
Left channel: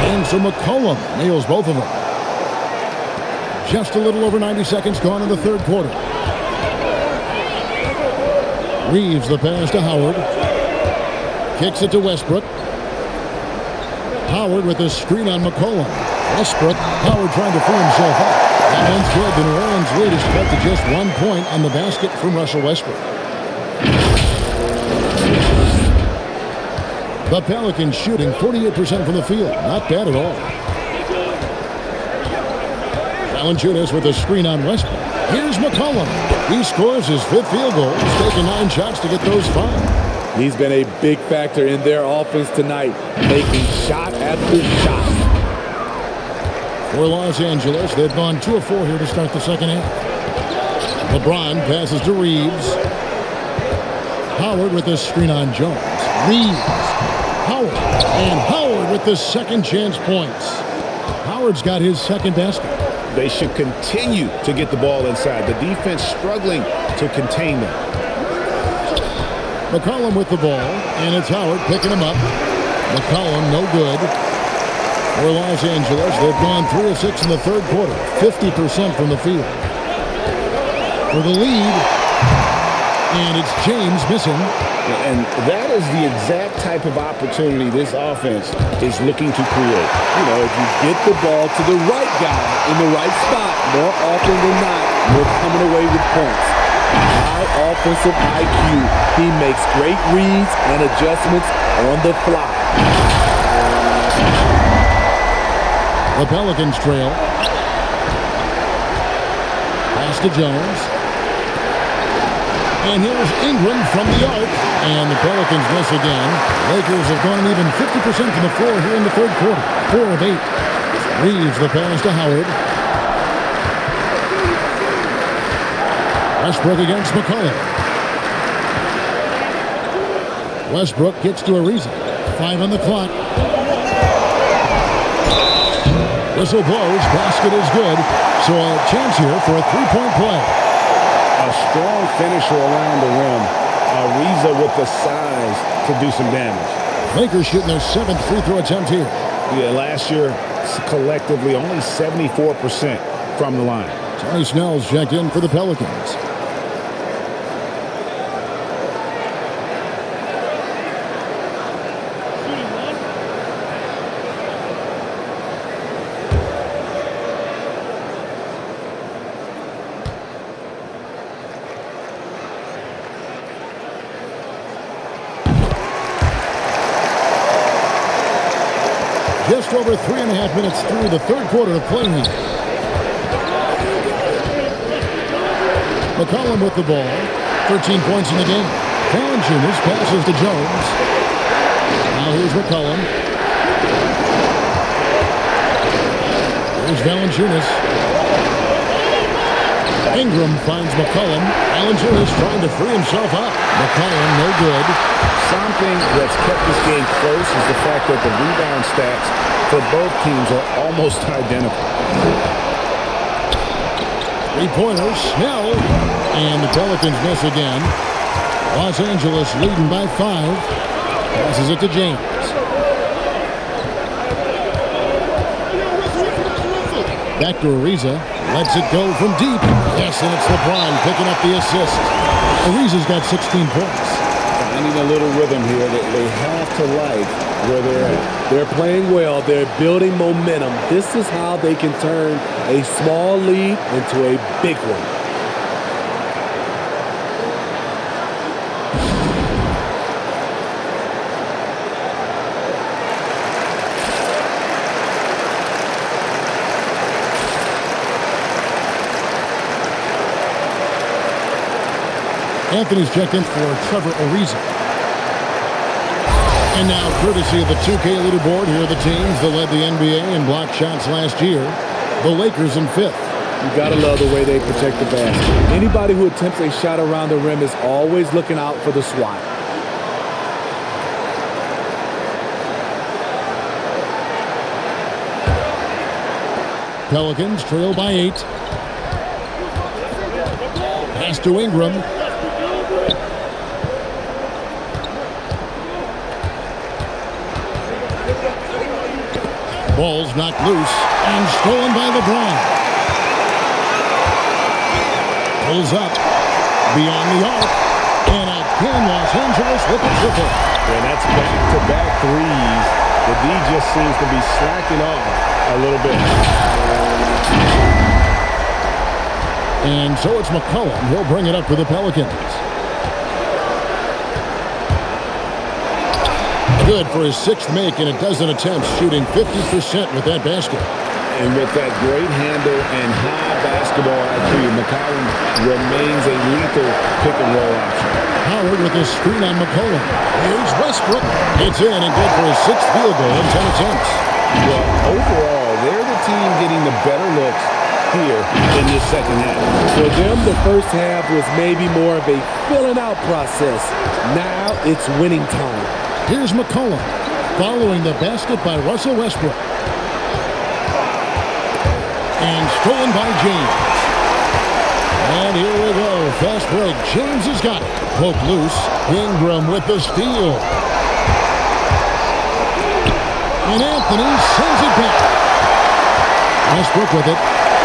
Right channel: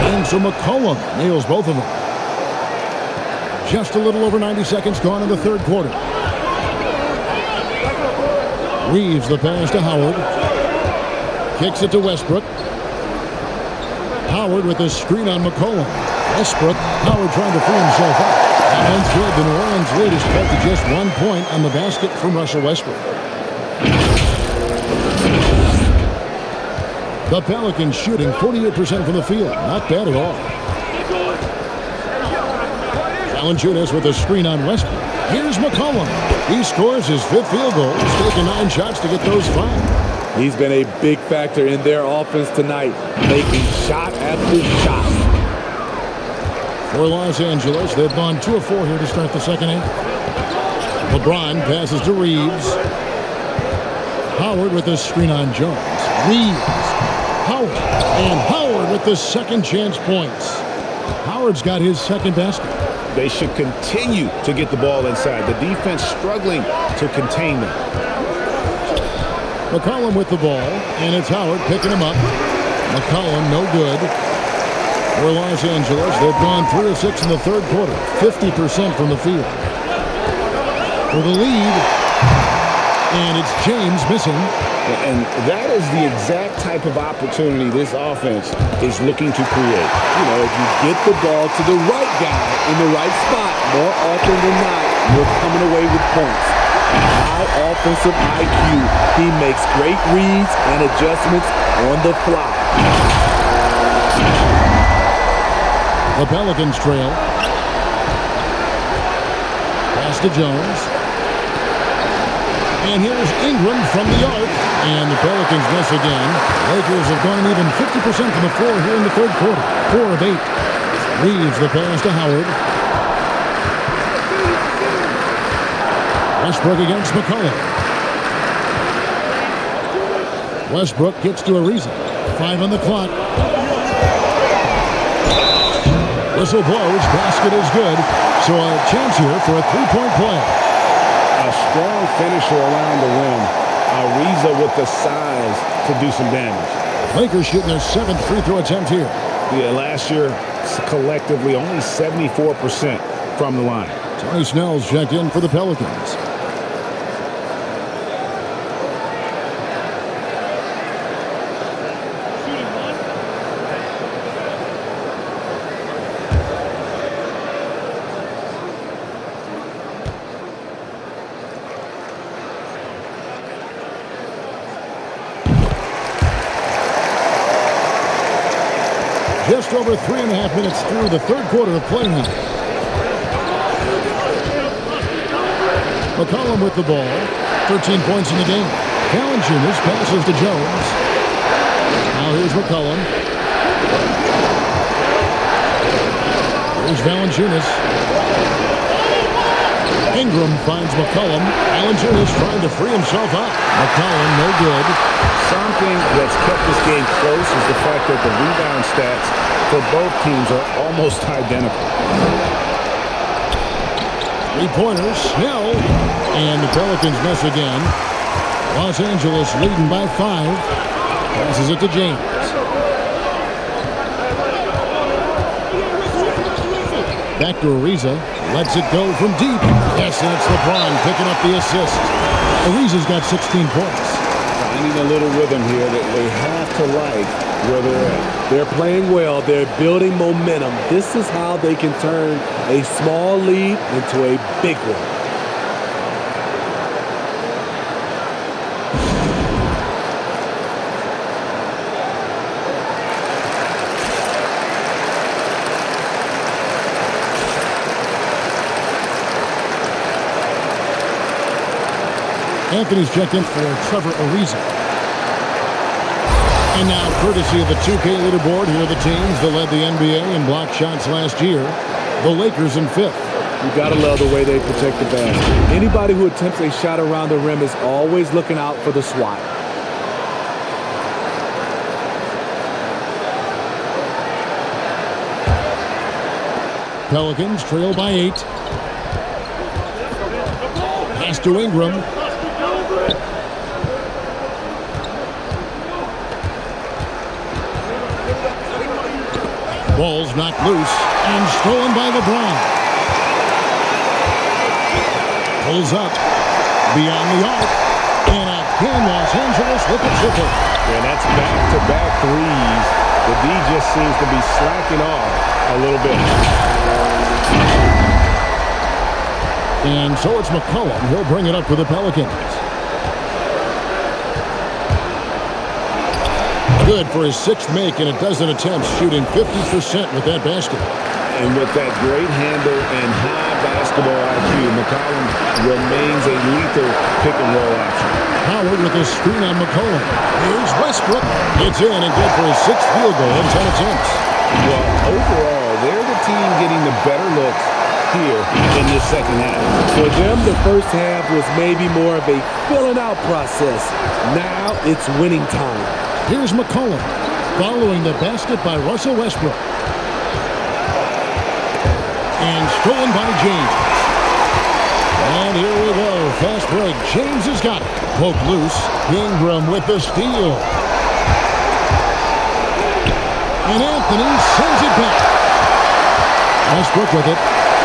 And so McCollum nails both of them. Just a little over 90 seconds gone in the third quarter. Reeves the pass to Howard. Kicks it to Westbrook. Howard with a screen on McCollum. Westbrook, Howard trying to free himself up. That one's good. The New Orleans lead is cut to just 1 point on the basket from Russell Westbrook. The Pelicans shooting 48% from the field. Not bad at all. Valenciunis with a screen on Westbrook. Here's McCollum. He scores his 5th field goal. He's taken 9 shots to get those 5. He's been a big factor in their offense tonight, making shot after shot. For Los Angeles, they've gone 2 of 4 here to start the second half. LeBron passes to Reeves. Howard with a screen on Jones. Reeves. Howard. And Howard with the second chance points. Howard's got his second basket. They should continue to get the ball inside. The defense struggling to contain them. McCollum with the ball, and it's Howard picking him up. McCollum no good. For Los Angeles, they've gone 3 of 6 in the third quarter, 50% from the field. For the lead, and it's James missing. And that is the exact type of opportunity this offense is looking to create. You know, if you get the ball to the right guy in the right spot, more often than not, you're coming away with points. High offensive IQ. He makes great reads and adjustments on the fly. The Pelicans trail. Pass to Jones. And here's Ingram from the arc. And the Pelicans miss again. Lakers have gone an even 50% from the floor here in the third quarter. 4 of 8. Reeves the pass to Howard. Westbrook against McCollum. Westbrook gets to Ariza. 5 on the clock. Whistle blows. Basket is good. So a chance here for a 3-point play. A strong finisher around the rim. Ariza with the size to do some damage. Lakers shooting their 7th free throw attempt here. Yeah, last year, collectively, only 74% from the line. Tony Snell's checked in for the Pelicans. Just over 3.5 minutes through the third quarter of play now. McCollum with the ball. 13 points in the game. Valenciunis passes to Jones. Now here's McCollum. Here's Valenciunis. Ingram finds McCollum. Valenciunis trying to free himself up. McCollum no good. Something that's kept this game close is the fact that the rebound stats for both teams are almost identical. 3-pointers, Snell, and the Pelicans miss again. Los Angeles leading by 5. Passes it to James. Back to Ariza. Lets it go from deep. Yes, and it's LeBron picking up the assist. Ariza's got 16 points. Finding a little rhythm here that they have to like where they're at. They're playing well. They're building momentum. This is how they can turn a small lead into a big one. Anthony's checked in for Trevor Ariza. And now, courtesy of the 2K leaderboard, here are the teams that led the NBA in block shots last year. The Lakers in 5th. You gotta love the way they protect the basket. Anybody who attempts a shot around the rim is always looking out for the swat. Pelicans trail by 8. Pass to Ingram. Ball's knocked loose and stolen by LeBron. Pulls up beyond the arc. And again, Los Angeles with a triple. Yeah, that's back-to-back threes. The D just seems to be slacking off a little bit. And so it's McCollum. He'll bring it up for the Pelicans. Good for his 6th make in a dozen attempts, shooting 50% with that basket. And with that great handle and high basketball IQ, McCollum remains a lethal pick-and-roll option. Howard with a screen on McCollum. Here's Westbrook. It's in and good for his 6th field goal in 10 attempts. Well, overall, they're the team getting the better looks here in this second half. For them, the first half was maybe more of a filling out process. Now it's winning time. Here's McCollum, following the basket by Russell Westbrook. And stolen by James. And here we go. Fast break. James has got it. Poke loose. Ingram with the steal. And Anthony sends it back. Westbrook with it.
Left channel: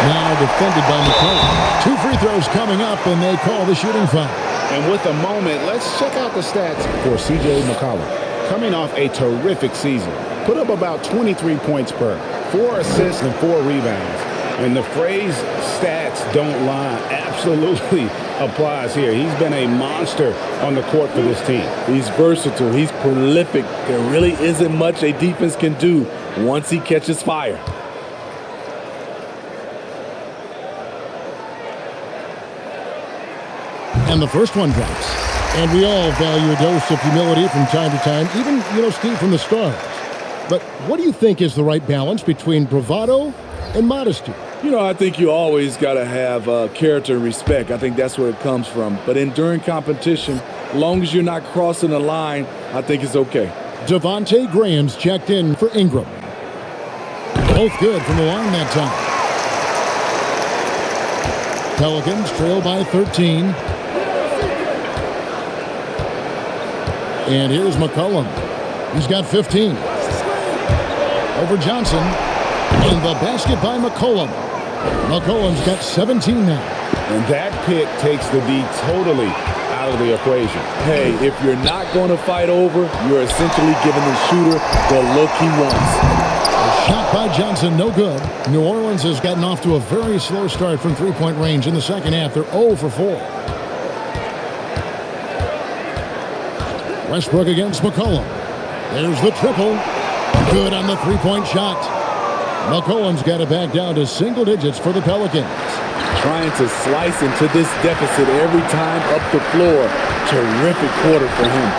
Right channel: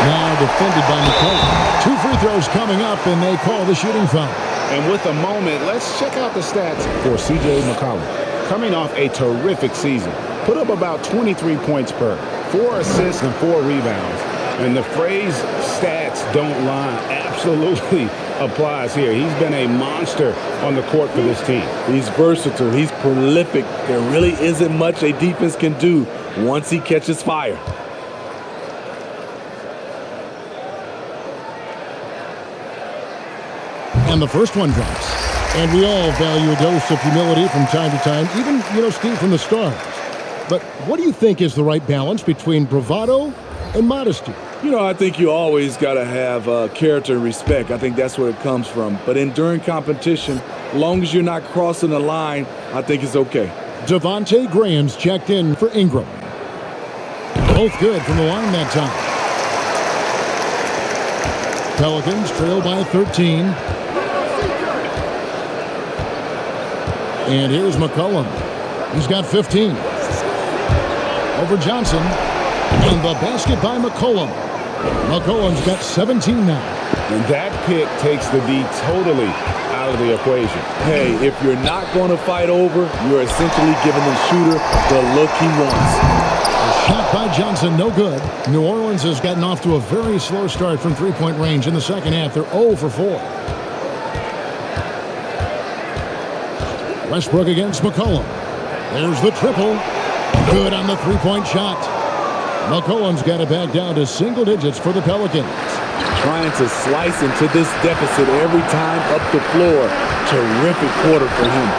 Now defended by McCollum. 2 free throws coming up, and they call the shooting foul. And with a moment, let's check out the stats for C.J. McCollum. Coming off a terrific season. Put up about 23 points per, 4 assists and 4 rebounds. And the phrase stats don't lie absolutely applies here. He's been a monster on the court for this team. He's versatile. He's prolific. There really isn't much a defense can do once he catches fire. And the first one drops. And we all value a dose of humility from time to time, even, Steve, from the stars. But what do you think is the right balance between bravado and modesty? I think you always got to have character and respect. I think that's where it comes from. But during competition, as long as you're not crossing the line, I think it's okay. Devontae Graham's checked in for Ingram. Both good from the line that time. Pelicans trail by 13. And here's McCollum. He's got 15. Over Johnson. And the basket by McCollum. McCollum's got 17 now. And that pick takes the D totally out of the equation. Hey, if you're not going to fight over, you're essentially giving the shooter the look he wants. The shot by Johnson, no good. New Orleans has gotten off to a very slow start from three-point range in the second half. They're 0 for 4. Westbrook against McCollum. There's the triple. Good on the three-point shot. McCollum's got it back down to single digits for the Pelicans. Trying to slice into this deficit every time up the floor. Terrific quarter for him.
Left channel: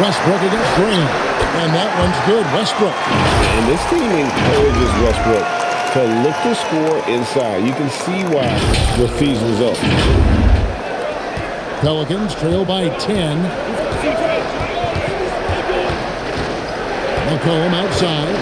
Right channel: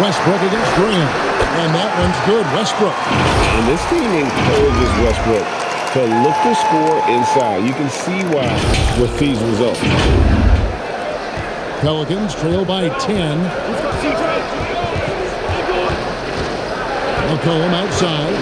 Westbrook against Graham. And that one's good. Westbrook. And this team encourages Westbrook to look to score inside. You can see why with these results. Pelicans trail by 10. McCollum outside.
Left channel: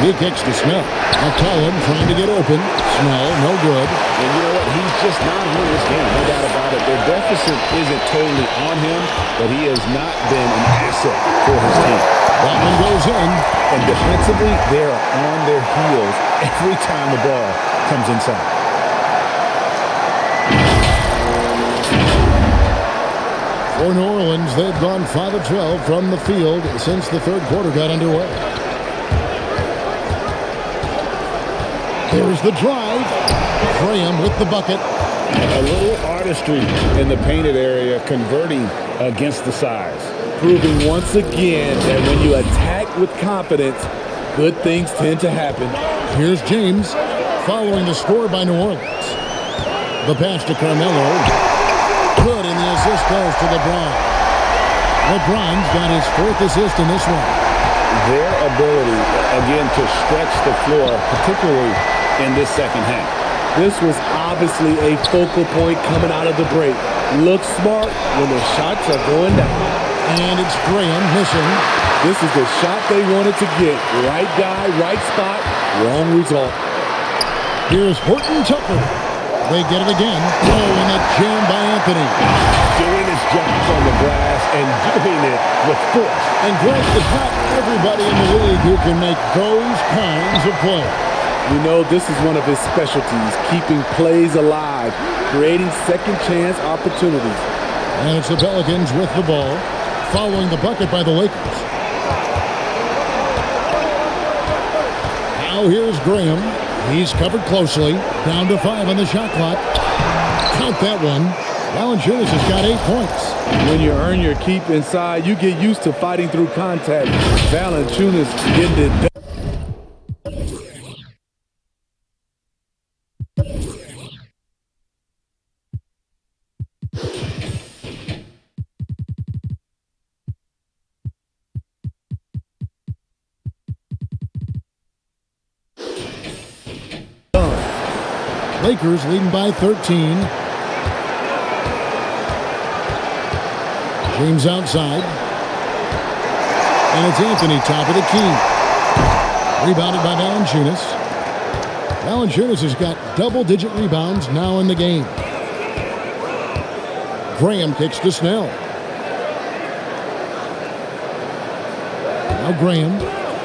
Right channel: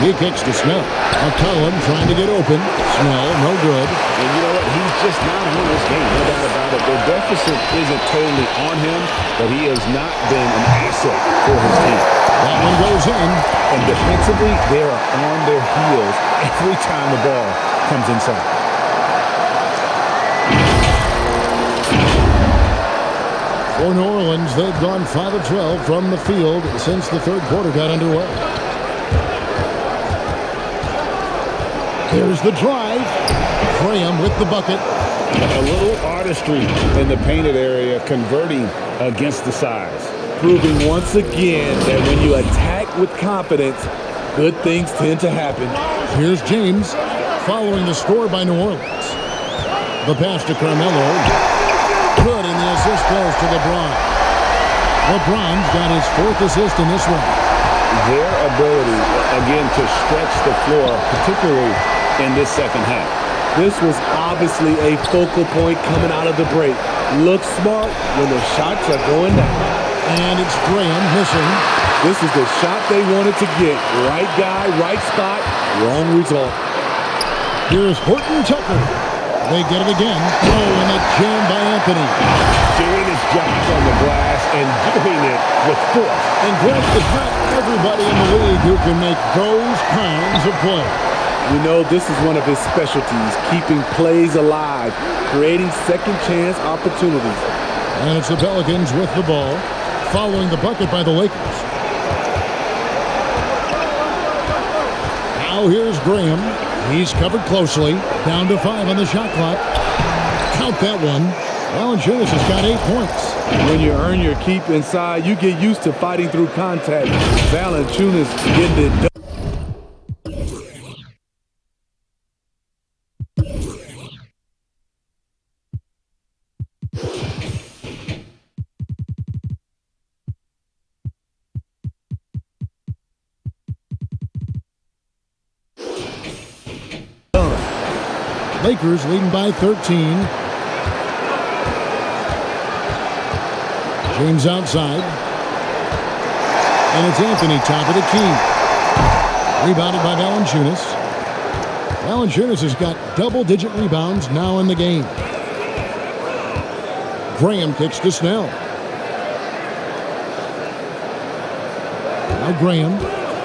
He kicks to Snell. McCollum trying to get open. Snell, no good. And you know what? He's just not on this game. No doubt about it. Their deficit isn't totally on him, but he has not been an asset for his team. That one goes in. And defensively, they are on their heels every time the ball comes inside. For New Orleans, they've gone 5 of 12 from the field since the third quarter got underway. Here's the drive. Graham with the bucket. A little artistry in the painted area, converting against the size. Proving once again that when you attack with confidence, good things tend to happen. Here's James following the score by New Orleans. The pass to Carmelo. Good, and the assist goes to LeBron. LeBron's got his 4th assist in this one. Their ability, again, to stretch the floor, particularly in this second half. This was obviously a focal point coming out of the break. Look smart when the shots are going down. And it's Graham missing. This is the shot they wanted to get. Right guy, right spot, wrong result. Here's Horton Tucker. They get it again. Oh, and the jam by Anthony. Doing his job on the glass and doing it with force. And Greg, it's not everybody in the league who can make those kinds of plays. You know, this is one of his specialties, keeping plays alive, creating second chance opportunities. And it's the Pelicans with the ball, following the bucket by the Lakers. Now here's Graham. He's covered closely. Down to 5 on the shot clock. Count that one. Valenciunis has got 8 points. When you earn your keep inside, you get used to fighting through contact. Valenciunis getting it done. Lakers leading by 13. James outside. And it's Anthony top of the key. Rebounded by Valenciunis. Valenciunis has got double-digit rebounds now in the game. Graham kicks to Snell. Now Graham,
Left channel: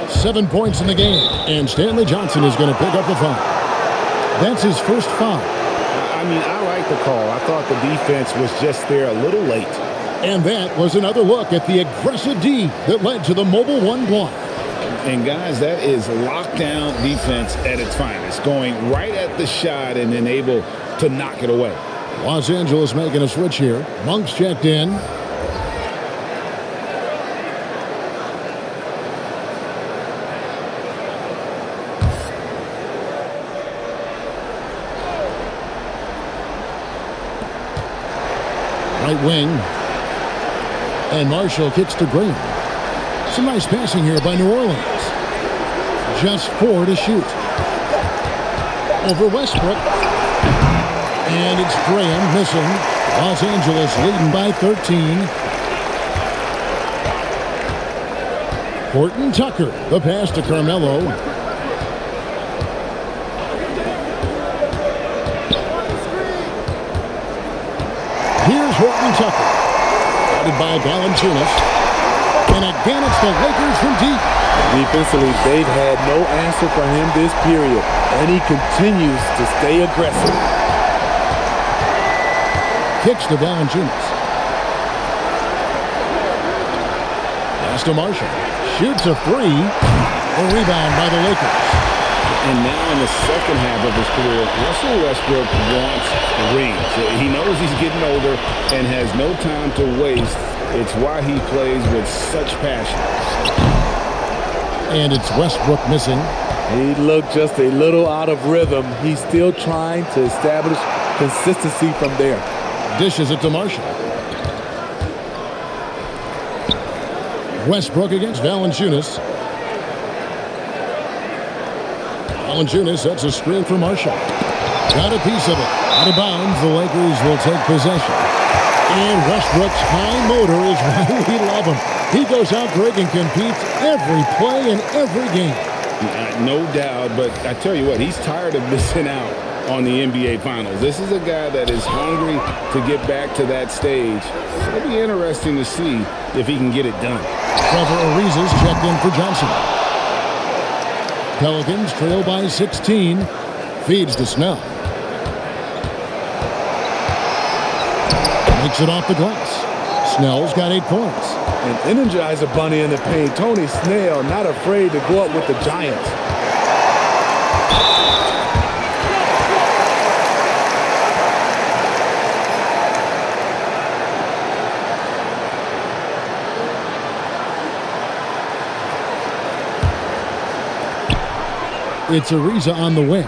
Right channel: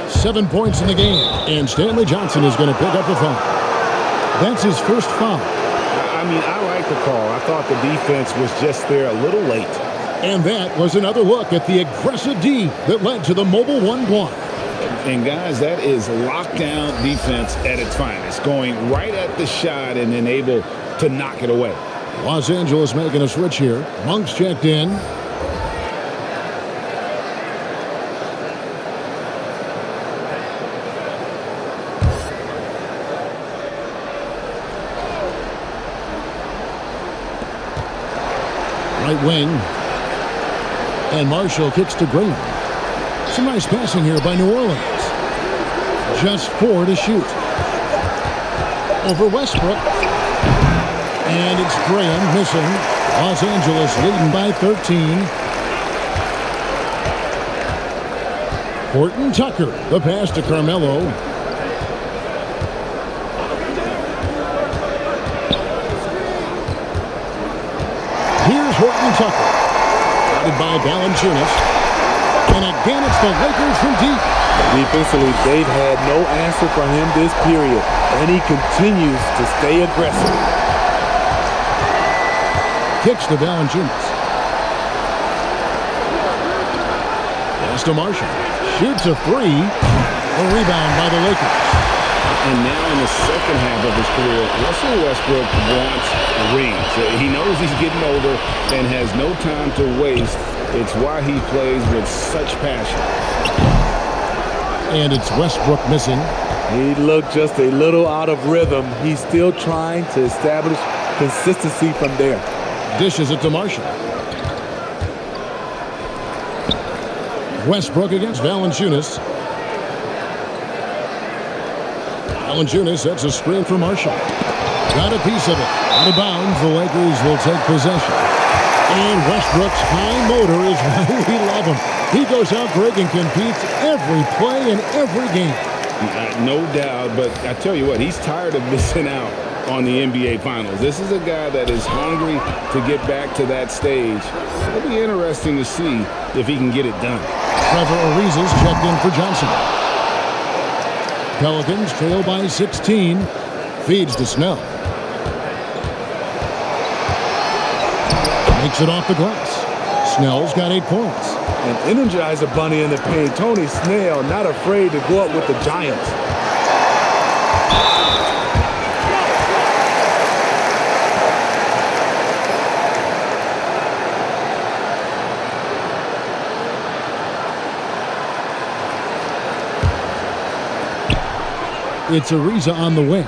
7 points in the game. And Stanley Johnson is going to pick up the foul. That's his first foul. I mean, I like the call. I thought the defense was just there a little late. And that was another look at the aggressive D that led to the mobile 1 block. And guys, that is lockdown defense at its finest, going right at the shot and then able to knock it away. Los Angeles making a switch here. Monk's checked in. Right wing. And Marshall kicks to Graham. Some nice passing here by New Orleans. Just 4 to shoot. Over Westbrook. And it's Graham missing. Los Angeles leading by 13. Horton Tucker, the pass to Carmelo. Here's Horton Tucker. Guarded by Valenciunis. And again, it's the Lakers from deep. Defensively, they've had no answer for him this period, and he continues to stay aggressive. Kicks to Valenciunis. Pass to Marshall. Shoots a 3. The rebound by the Lakers. And now in the second half of his career, Russell Westbrook wants rings. He knows he's getting older and has no time to waste. It's why he plays with such passion. And it's Westbrook missing. He looked just a little out of rhythm. He's still trying to establish consistency from there. Dishes it to Marshall. Westbrook against Valenciunis. Valenciunis sets a screen for Marshall. Got a piece of it. Out of bounds, the Lakers will take possession. And Westbrook's high motor is why we love him. He goes out, Greg, and competes every play in every game. No doubt, but I tell you what, he's tired of missing out on the NBA Finals. This is a guy that is hungry to get back to that stage. It'll be interesting to see if he can get it done. Trevor Ariza's checked in for Johnson. Pelicans trail by 16. Feeds to Snell. Makes it off the glass. Snell's got 8 points. An Energizer Bunny in the paint. Tony Snell not afraid to go up with the Giants. It's Ariza on the wing.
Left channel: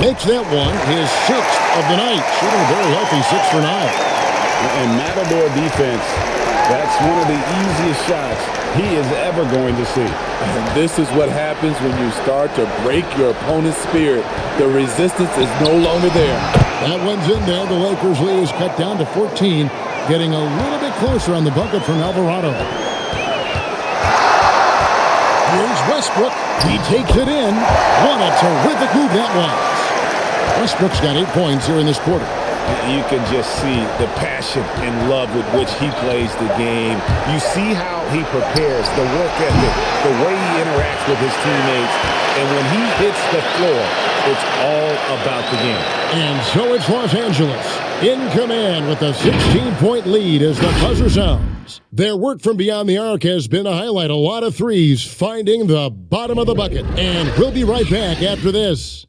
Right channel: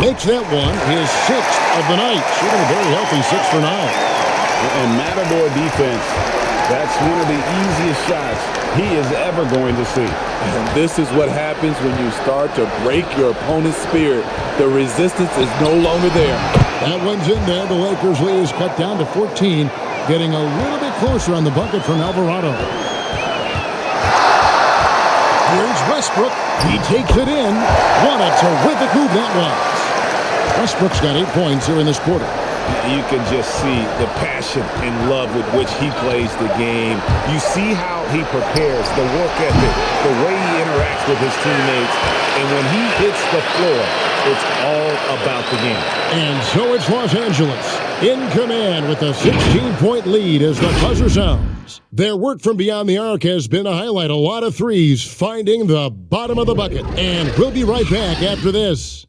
Makes that one his 6th of the night, shooting a very healthy 6 for 9. And Matador defense, that's one of the easiest shots he is ever going to see. And this is what happens when you start to break your opponent's spirit. The resistance is no longer there. That one's in there. The Lakers' lead is cut down to 14, getting a little bit closer on the bucket from Alvarado. Here's Westbrook. He takes it in. What a terrific move that was. Westbrook's got 8 points here in this quarter. You can just see the passion and love with which he plays the game. You see how he prepares, the work ethic, the way he interacts with his teammates. And when he hits the floor, it's all about the game. And so it's Los Angeles in command with a 16-point lead as the buzzer sounds. Their work from beyond the arc has been to highlight a lot of threes, finding the bottom of the bucket. And we'll be right back after this.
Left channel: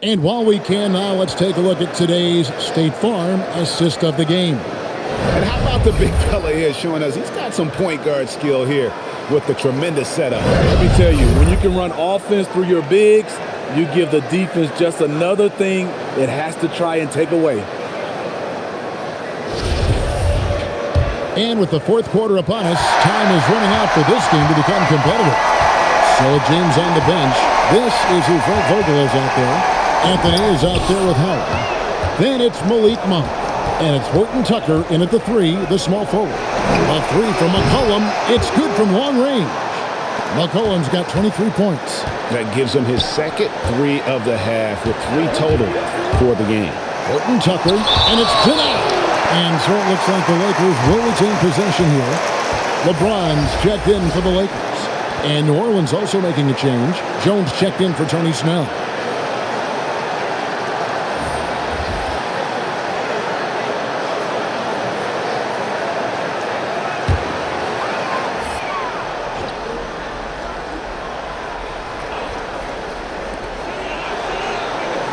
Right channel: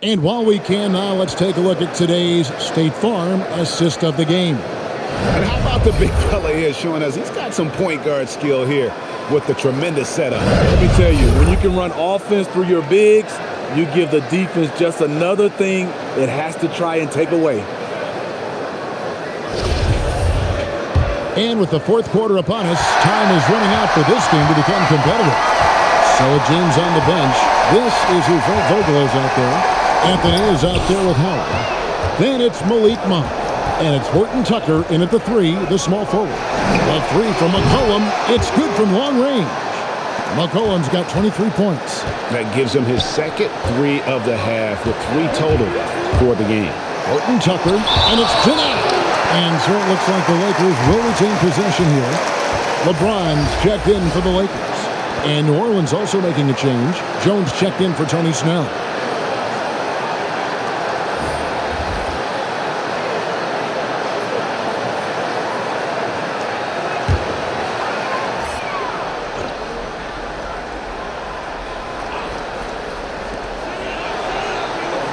And while we can now, let's take a look at today's State Farm assist of the game. And how about the big fella here showing us he's got some point guard skill here with the tremendous setup. Let me tell you, when you can run offense through your bigs, you give the defense just another thing it has to try and take away. And with the fourth quarter upon us, time is running out for this game to become competitive. So with James on the bench, this is who Frank Vogel is out there. Anthony is out there with Howard. Then it's Malik Monk. And it's Horton Tucker in at the 3, the small forward. A 3 from McCollum. It's good from long range. McCollum's got 23 points. That gives him his second 3 of the half with 3 total for the game. Horton Tucker, and it's denied. And so it looks like the Lakers will retain possession here. LeBron's checked in for the Lakers. And New Orleans also making a change. Jones checked in for Tony Snell.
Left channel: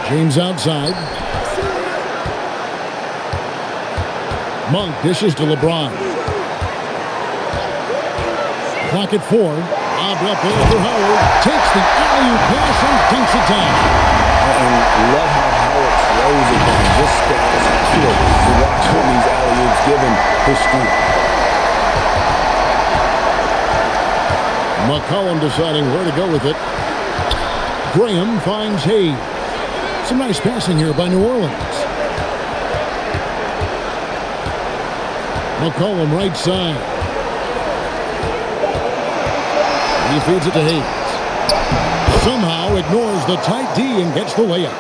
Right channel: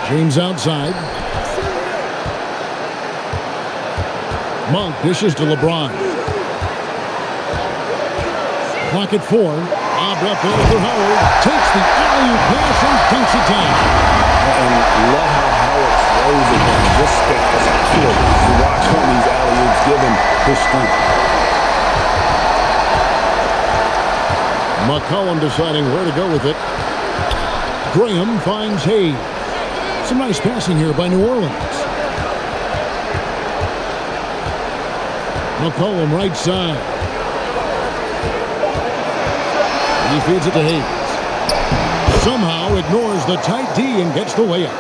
James outside. Monk dishes to LeBron. Clock at 4. Lobbed up there for Howard. Takes the alley-oop pass and dunks it down. And love how Howard throws it down. Just spectacular to watch on these alley-oops given his strength. McCollum deciding where to go with it. Graham finds Hayes. Some nice passing here by New Orleans. McCollum right side. He feeds it to Hayes. Somehow ignores the tight D and gets the layup.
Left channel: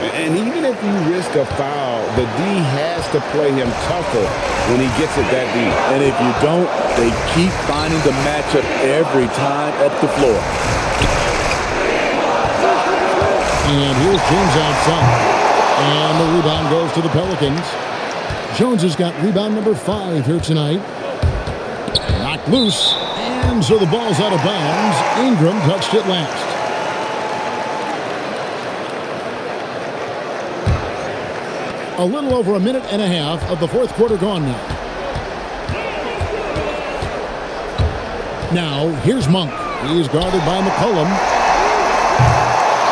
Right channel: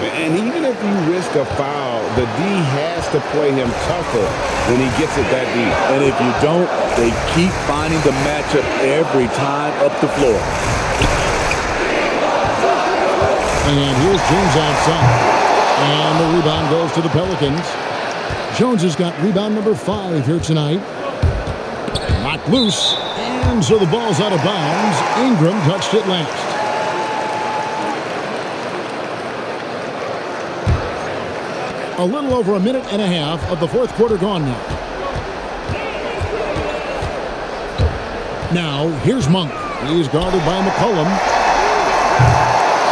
And even if you risk a foul, the D has to play him tougher when he gets it that deep. And if you don't, they keep finding the matchup every time up the floor. And here's James outside. And the rebound goes to the Pelicans. Jones has got rebound number 5 here tonight. Knocked loose. And so the ball's out of bounds. Ingram touched it last. A little over a minute and a half of the fourth quarter gone now. Now, here's Monk. He's guarded by McCollum.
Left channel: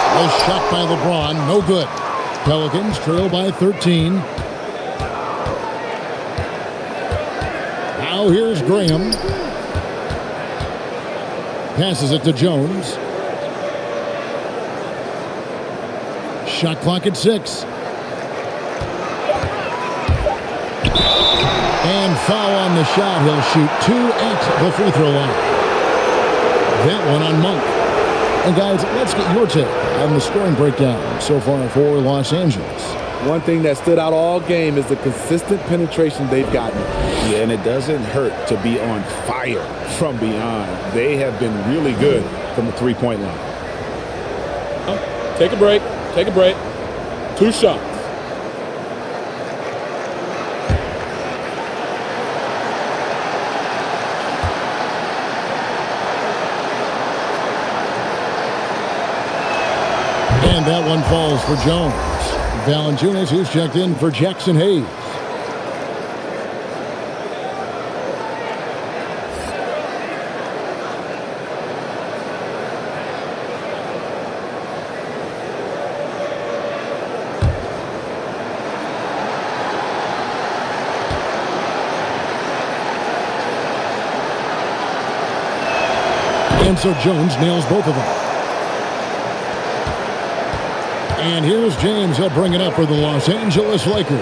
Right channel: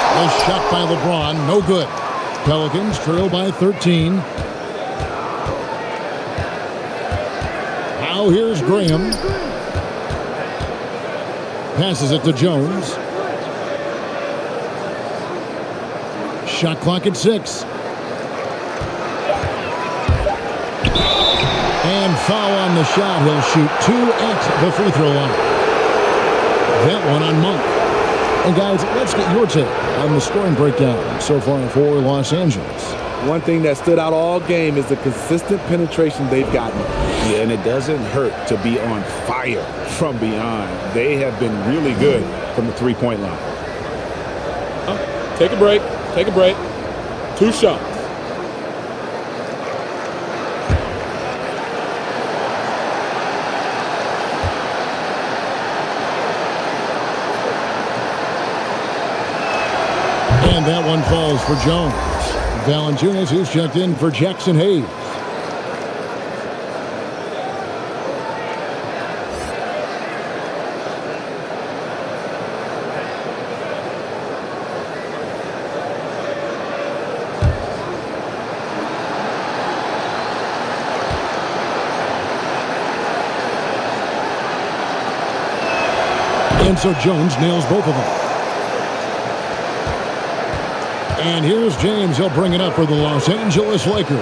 The shot by LeBron, no good. Pelicans trail by 13. Now here's Graham. Passes it to Jones. Shot clock at 6. And foul on the shot. He'll shoot 2 at the free throw line. That one on Monk. And guys, let's get your take on the scoring breakdown so far for Los Angeles. One thing that stood out all game is the consistent penetration they've gotten. Yeah, and it doesn't hurt to be on fire from beyond. They have been really good from the three-point line. Take a break. Take a break. 2 shots. And that one falls for Jones. Valenciunis is checked in for Jackson Hayes. And so Jones nails both of them. And here's James. He'll bring it up for the Los Angeles Lakers.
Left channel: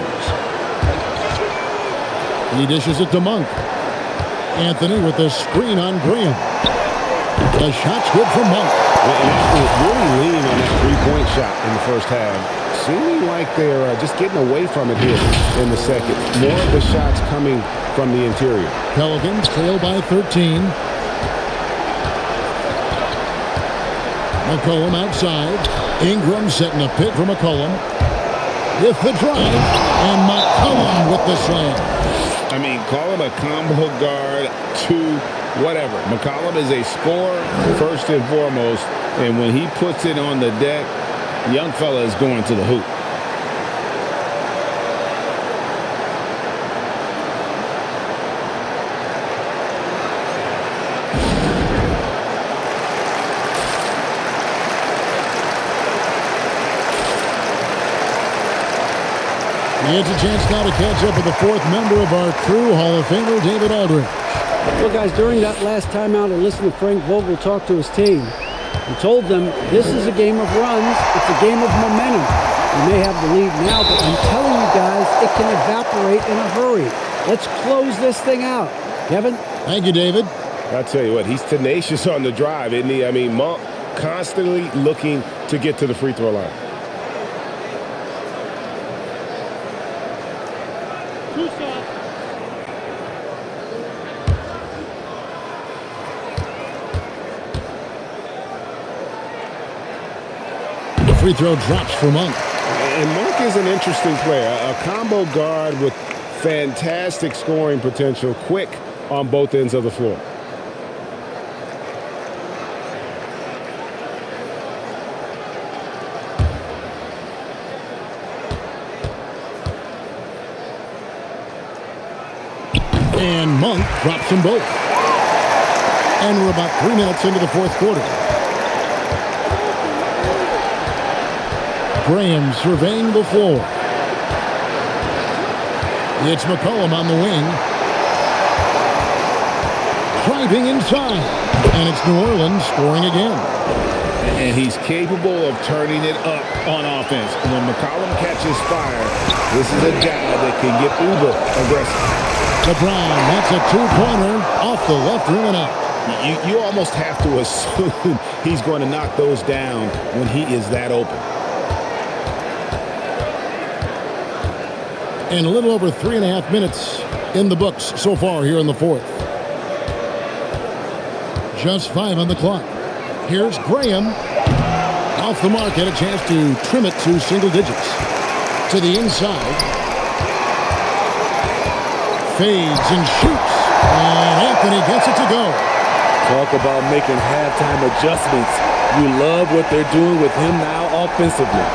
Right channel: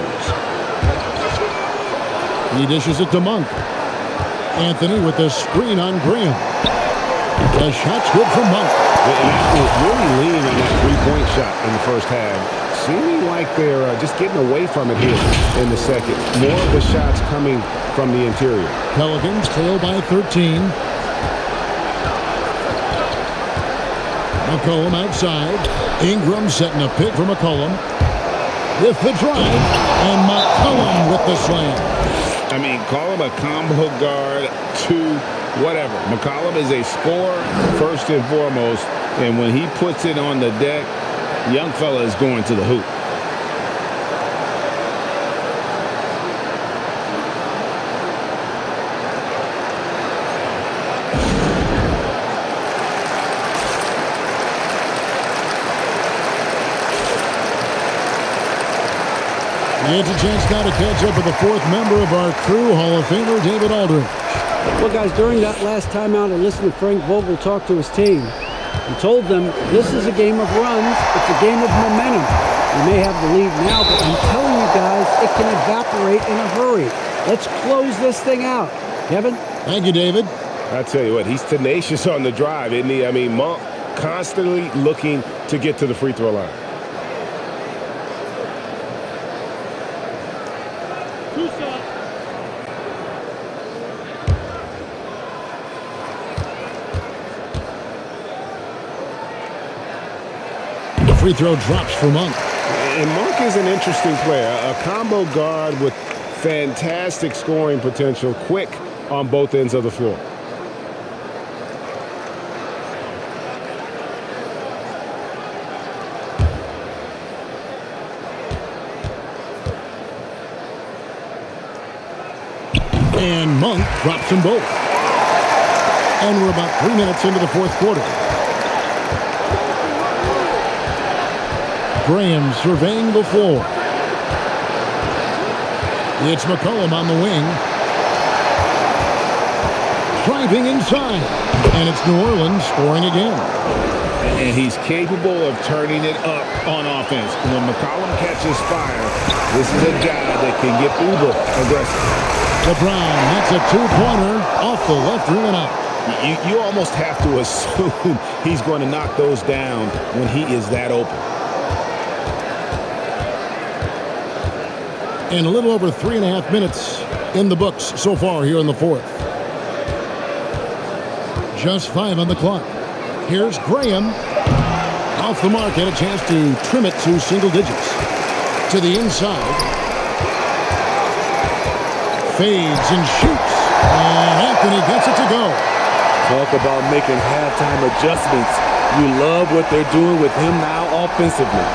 He dishes it to Monk. Anthony with the screen on Graham. The shot's good for Monk. And after really leaning on that three-point shot in the first half, seeming like they're just getting away from it here in the second. More of the shots coming from the interior. Pelicans trail by 13. McCollum outside. Ingram setting a pick for McCollum. With the drive. And McCollum with the slam. I mean, call him a combo guard to whatever. McCollum is a scorer first and foremost. And when he puts it on the deck, young fella is going to the hoop. He has a chance now to catch up with the fourth member of our crew, Hall of Famer David Aldridge. Well, guys, during that last timeout, I listened to Frank Vogel talk to his team. He told them this is a game of runs. It's a game of momentum. We may have the lead now, but I'm telling you guys, it can evaporate in a hurry. Let's close this thing out. Kevin? Thank you, David. I'll tell you what, he's tenacious on the drive, isn't he? I mean, Monk constantly looking to get to the free throw line. Two shots. The free throw drops for Monk. And Monk is an interesting player, a combo guard with fantastic scoring potential, quick on both ends of the floor. And Monk drops them both. And we're about 3 minutes into the fourth quarter. Graham surveying the floor. It's McCollum on the wing. Driving inside. And it's New Orleans scoring again. And he's capable of turning it up on offense. When McCollum catches fire, this is a guy that can get uber aggressive. LeBron, that's a two-pointer off the left rim and out. You almost have to assume he's going to knock those down when he is that open. And a little over 3.5 minutes in the books so far here in the fourth. Just 5 on the clock. Here's Graham. Off the mark, had a chance to trim it to single digits. To the inside. Fades and shoots. And Anthony gets it to go. Talk about making halftime adjustments. You love what they're doing with him now offensively.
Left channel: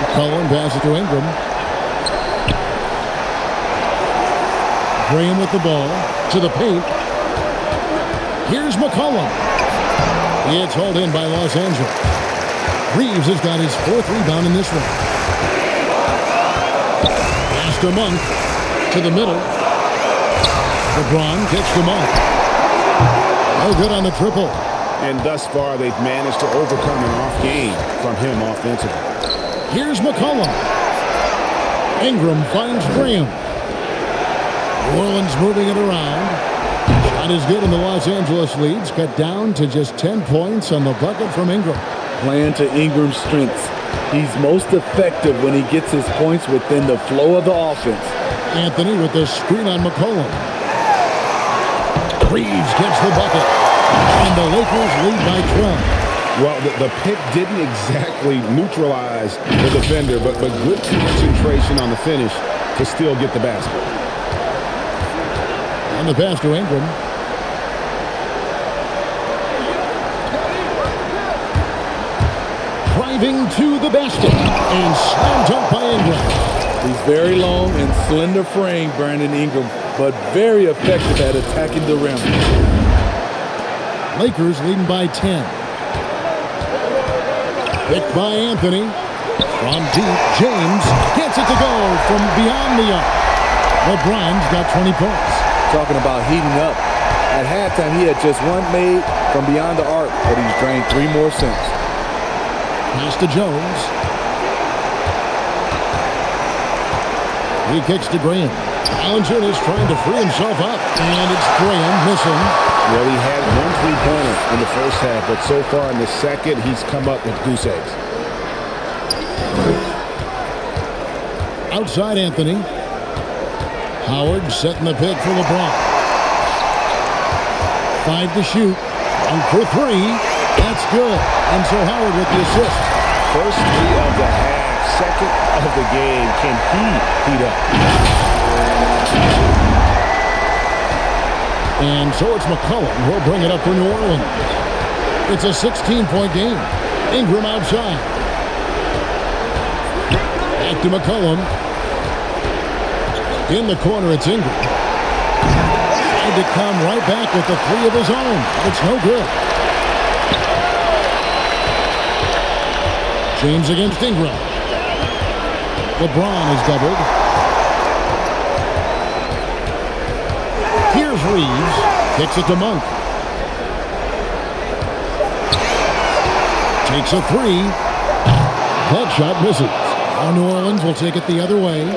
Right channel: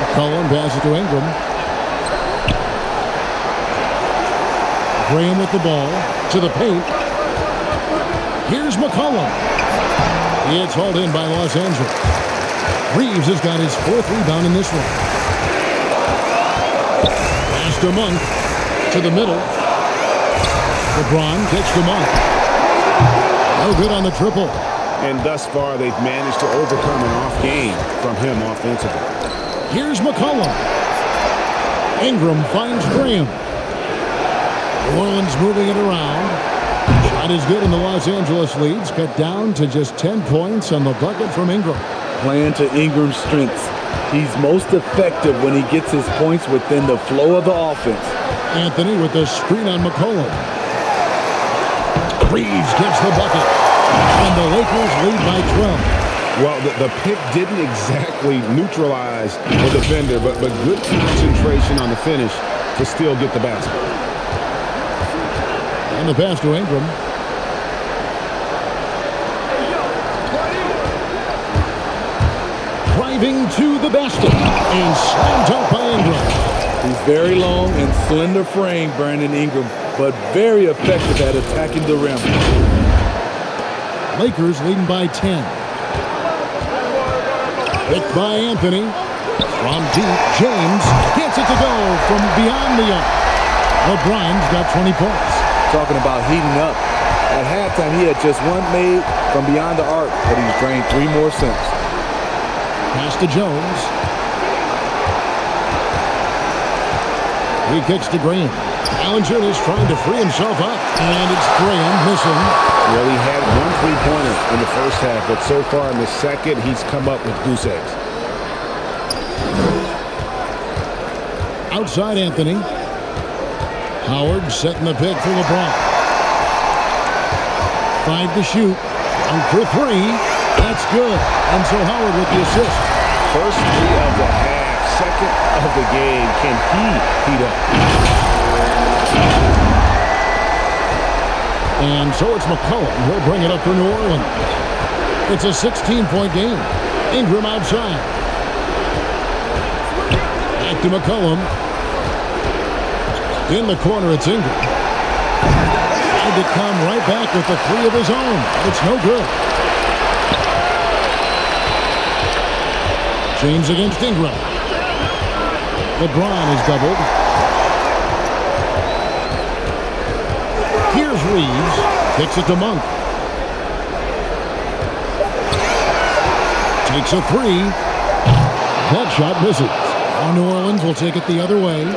McCollum passes to Ingram. Graham with the ball to the paint. Here's McCollum. It's hauled in by Los Angeles. Reeves has got his 4th rebound in this one. Pass to Monk. To the middle. LeBron kicks to Monk. No good on the triple. And thus far, they've managed to overcome an off game from him offensively. Here's McCollum. Ingram finds Graham. New Orleans moving it around. Shot is good, and the Los Angeles leads cut down to just 10 points on the bucket from Ingram. Playing to Ingram's strengths. He's most effective when he gets his points within the flow of the offense. Anthony with the screen on McCollum. Reeves gets the bucket. And the Lakers lead by 12. Well, the pick didn't exactly neutralize the defender, but good concentration on the finish to still get the basket. On the pass to Ingram. driving to the basket and slam dunk by Ingram. He's very long and slender frame, Brandon Ingram, but very effective at attacking the rim. Lakers leading by 10. Picked by Anthony. From deep, James gets it to go from beyond the arc. LeBron's got 20 points. Talking about heating up. At halftime, he had just one made from beyond the arc, but he's drained 3 more since. Pass to Jones. He kicks to Graham. Valenciunis trying to free himself up, and it's Graham missing. Well, he had 1 3-pointer in the first half, but so far in the second, he's come up with goose eggs. Outside Anthony. Howard setting the pick for LeBron. 5 to shoot. 1 for 3. That's good. And so Howard with the assist. First 3 of the half, second of the game. Can he heat up? And so it's McCollum. He'll bring it up for New Orleans. It's a 16-point game. Ingram outside. Back to McCollum. In the corner, it's Ingram. Tried to come right back with the 3 of his own, but it's no good. James against Ingram. LeBron is doubled. Here's Reeves. Kicks it to Monk. Takes a 3. That shot misses. Now New Orleans will take it the other way.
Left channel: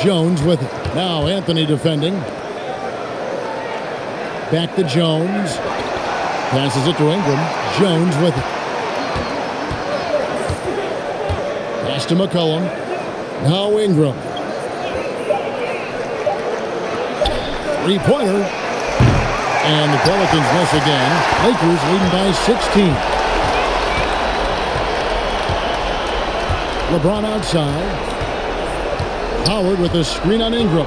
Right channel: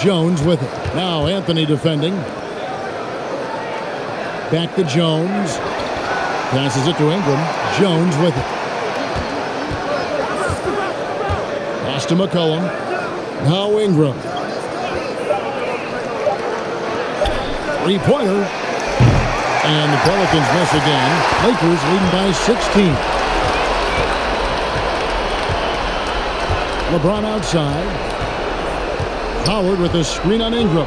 Jones with it. Now Anthony defending. Back to Jones. Passes it to Ingram. Jones with it. Pass to McCollum. Now Ingram. 3-pointer. And the Pelicans miss again. Lakers leading by 16. LeBron outside. Howard with a screen on Ingram.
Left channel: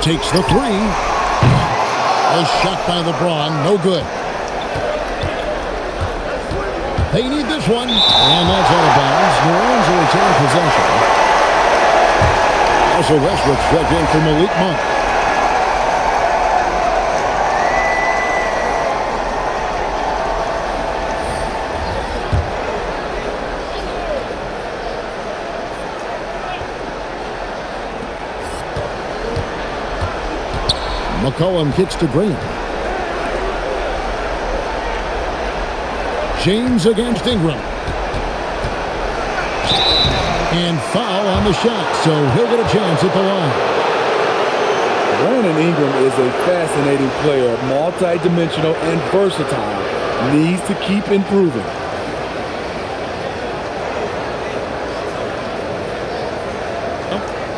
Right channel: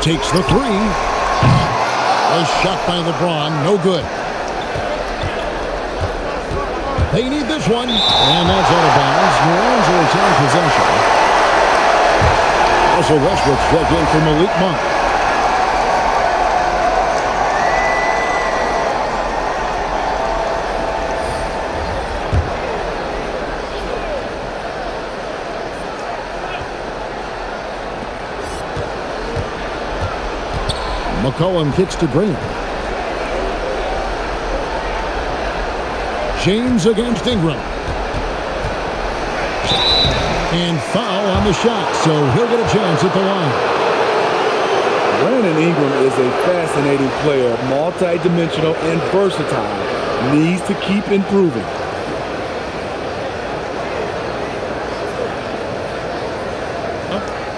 Takes the 3. A shot by LeBron. No good. They need this one. And that's out of bounds. New Orleans will retain possession. Russell Westbrook's checked in for Malik Monk. McCollum kicks to Graham. James against Ingram. And foul on the shot, so he'll get a chance at the line. Brandon Ingram is a fascinating player, multi-dimensional and versatile. Needs to keep improving.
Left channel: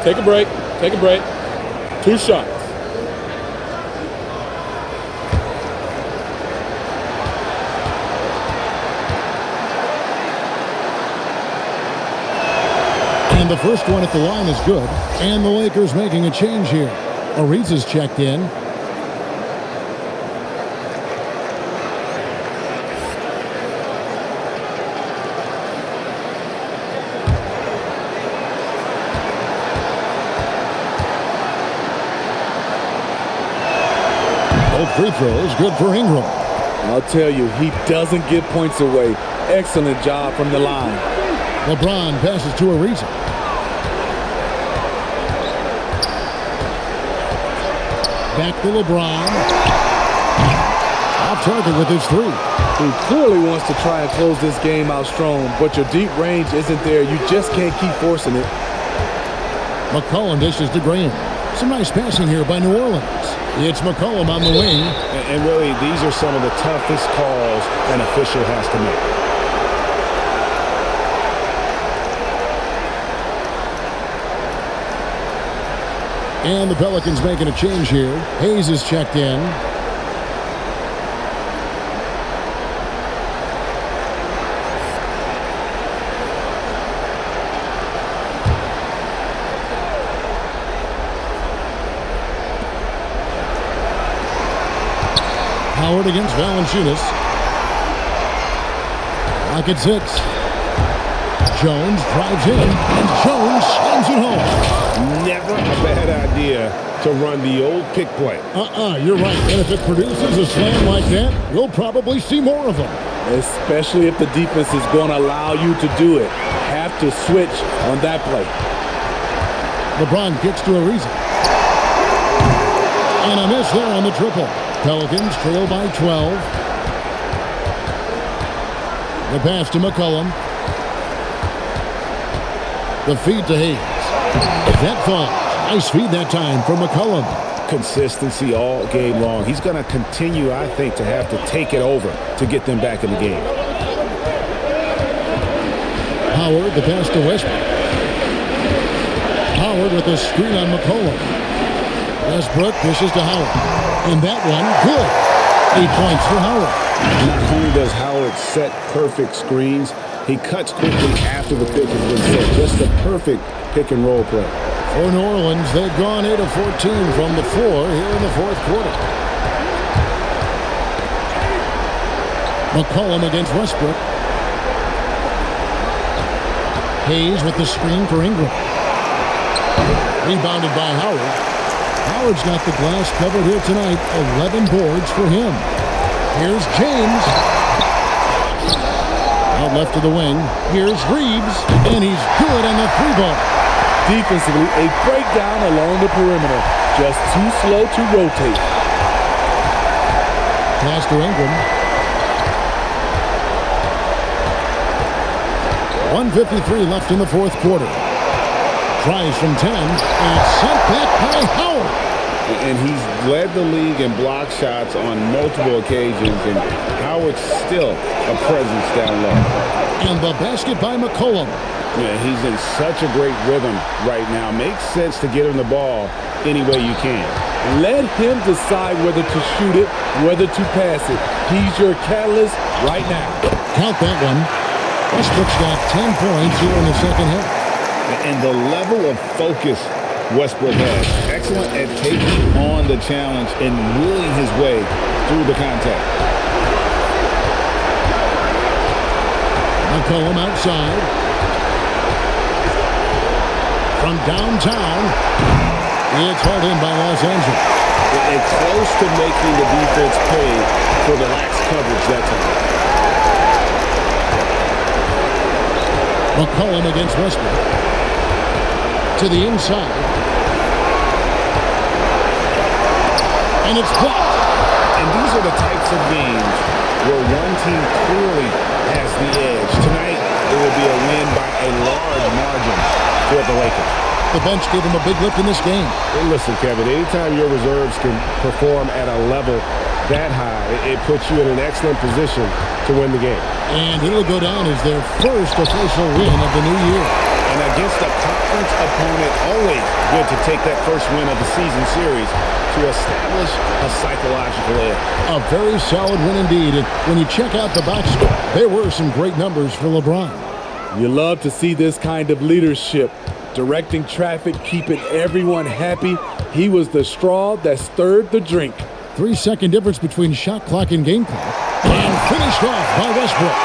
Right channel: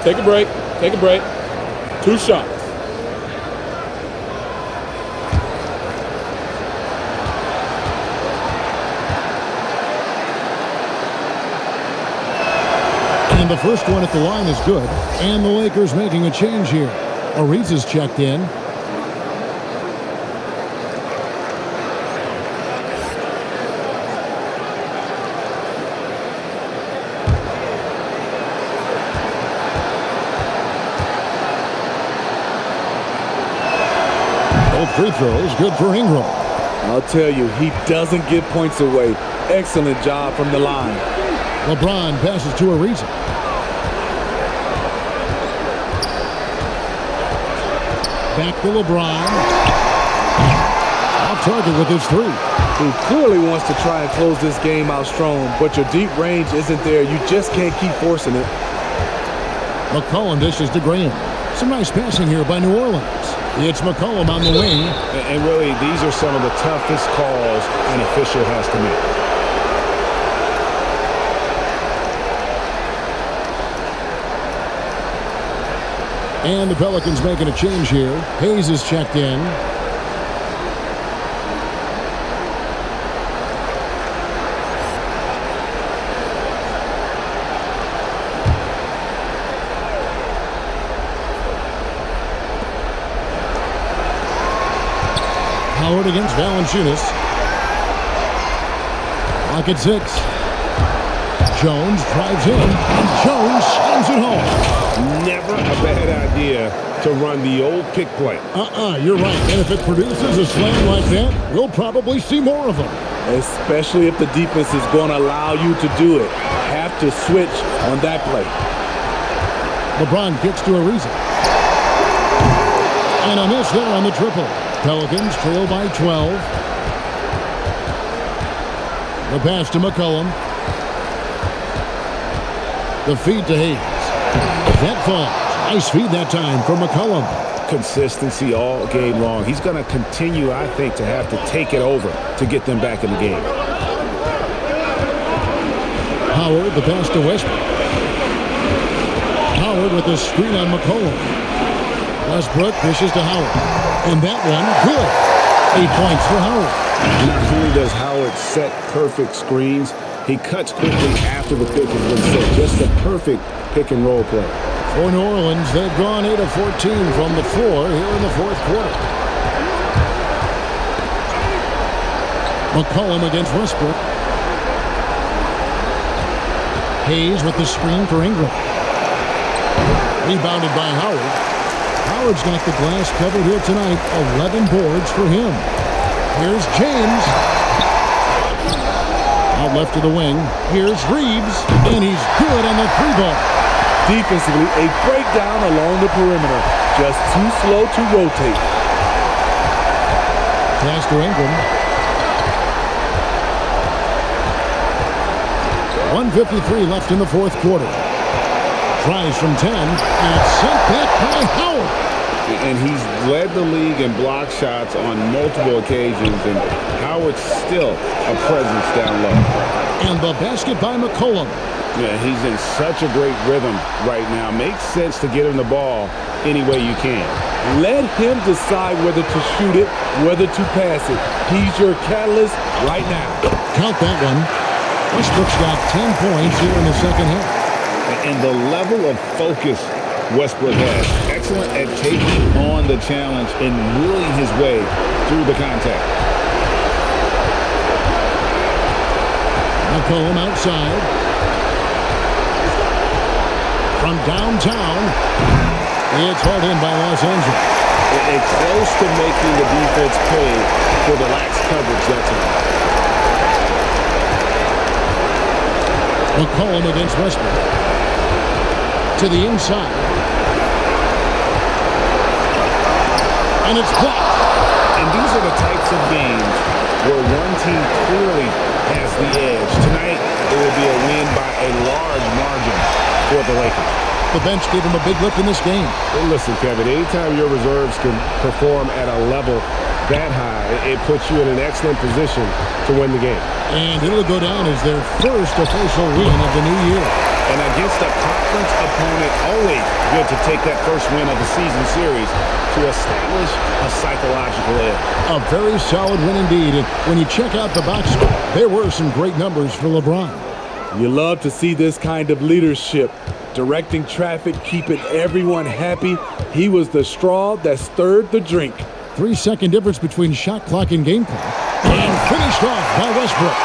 Take a break. Take a break. 2 shots. And the first one at the line is good. And the Lakers making a change here. Ariza's checked in. Both free throws good for Ingram. I'll tell you, he doesn't give points away. Excellent job from the line. LeBron passes to Ariza. Back to LeBron. Off target with his 3. He clearly wants to try and close this game out strong, but your deep range isn't there. You just can't keep forcing it. McCollum dishes to Graham. Some nice passing here by New Orleans. It's McCollum on the wing. And really, these are some of the toughest calls an official has to make. And the Pelicans making a change here. Hayes is checked in. Howard against Valenciunis. Clock at 6. Jones drives in, and Jones slams it home. Never a bad idea to run the old pick play. You're right. And if it produces a slam like that, we'll probably see more of them. Especially if the defense is going to allow you to do it. Have to switch on that play. LeBron kicks to Ariza. And a miss there on the triple. Pelicans trail by 12. The pass to McCollum. The feed to Hayes. That falls. Nice feed that time from McCollum. Consistency all game long. He's going to continue, I think, to have to take it over to get them back in the game. Howard, the pass to Westbrook. Howard with the screen on McCollum. Westbrook dishes to Howard. And that one, good. 8 points for Howard. Not only does Howard set perfect screens, he cuts quickly after the pick has been set. Just a perfect pick and roll play. For New Orleans, they've gone 8 of 14 from the floor here in the fourth quarter. McCollum against Westbrook. Hayes with the screen for Ingram. Rebounded by Howard. Howard's got the glass covered here tonight. 11 boards for him. Here's James. Out left to the wing. Here's Reeves. And he's good on the three ball. Defensively, a breakdown along the perimeter. Just too slow to rotate. Pass to Ingram. 1:53 left in the fourth quarter. Tries from 10, and it's sent back by Howard. And he's led the league in block shots on multiple occasions, and Howard's still a presence down low. And the basket by McCollum. Yeah, he's in such a great rhythm right now. Makes sense to get him the ball any way you can. Let him decide whether to shoot it, whether to pass it. He's your catalyst right now. Count that one. Westbrook's got 10 points here in the second half. And the level of focus Westbrook has. Excellent at taking on the challenge and willing his way through the contact. McCollum outside. From downtown, it's hauled in by Los Angeles. And close to making the defense pay for the lax coverage that time. McCollum against Westbrook. To the inside. And it's blocked. And these are the types of games where one team clearly has the edge. Tonight, it will be a win by a large margin for the Lakers. The bench gave him a big lift in this game. And listen, Kevin, anytime your reserves can perform at a level that high, it puts you in an excellent position to win the game. And it'll go down as their first official win of the new year. And against a conference opponent, always good to take that first win of the season series to establish a psychological edge. A very solid win indeed. And when you check out the box score, there were some great numbers for LeBron. You love to see this kind of leadership. Directing traffic, keeping everyone happy. He was the straw that stirred the drink. 3-second difference between shot clock and game clock. And finished off by Westbrook.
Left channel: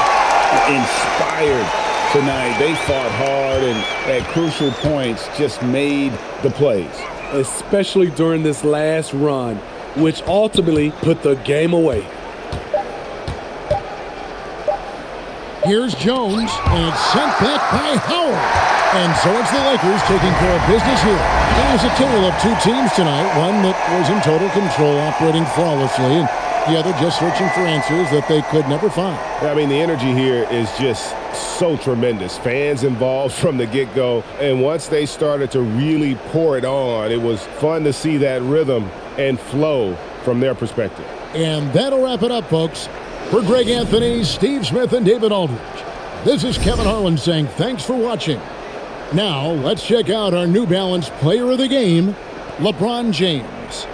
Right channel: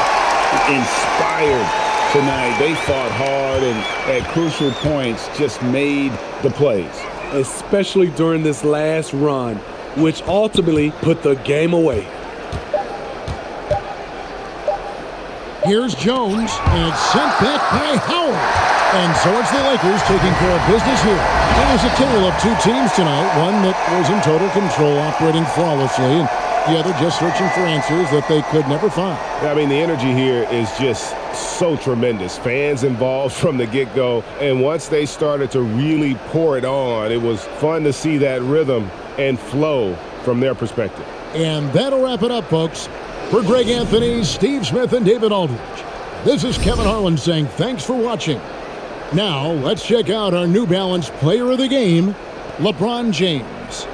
Inspired tonight. They fought hard and at crucial points just made the plays. Especially during this last run, which ultimately put the game away. Here's Jones, and it's sent back by Howard. And so it's the Lakers taking care of business here. It was a tale of two teams tonight, one that was in total control, operating flawlessly, and the other just searching for answers that they could never find. I mean, the energy here is just so tremendous. Fans involved from the get-go, and once they started to really pour it on, it was fun to see that rhythm and flow from their perspective. And that'll wrap it up, folks. For Greg Anthony, Steve Smith, and David Aldridge, this is Kevin Harlan saying thanks for watching. Now, let's check out our New Balance player of the game, LeBron James.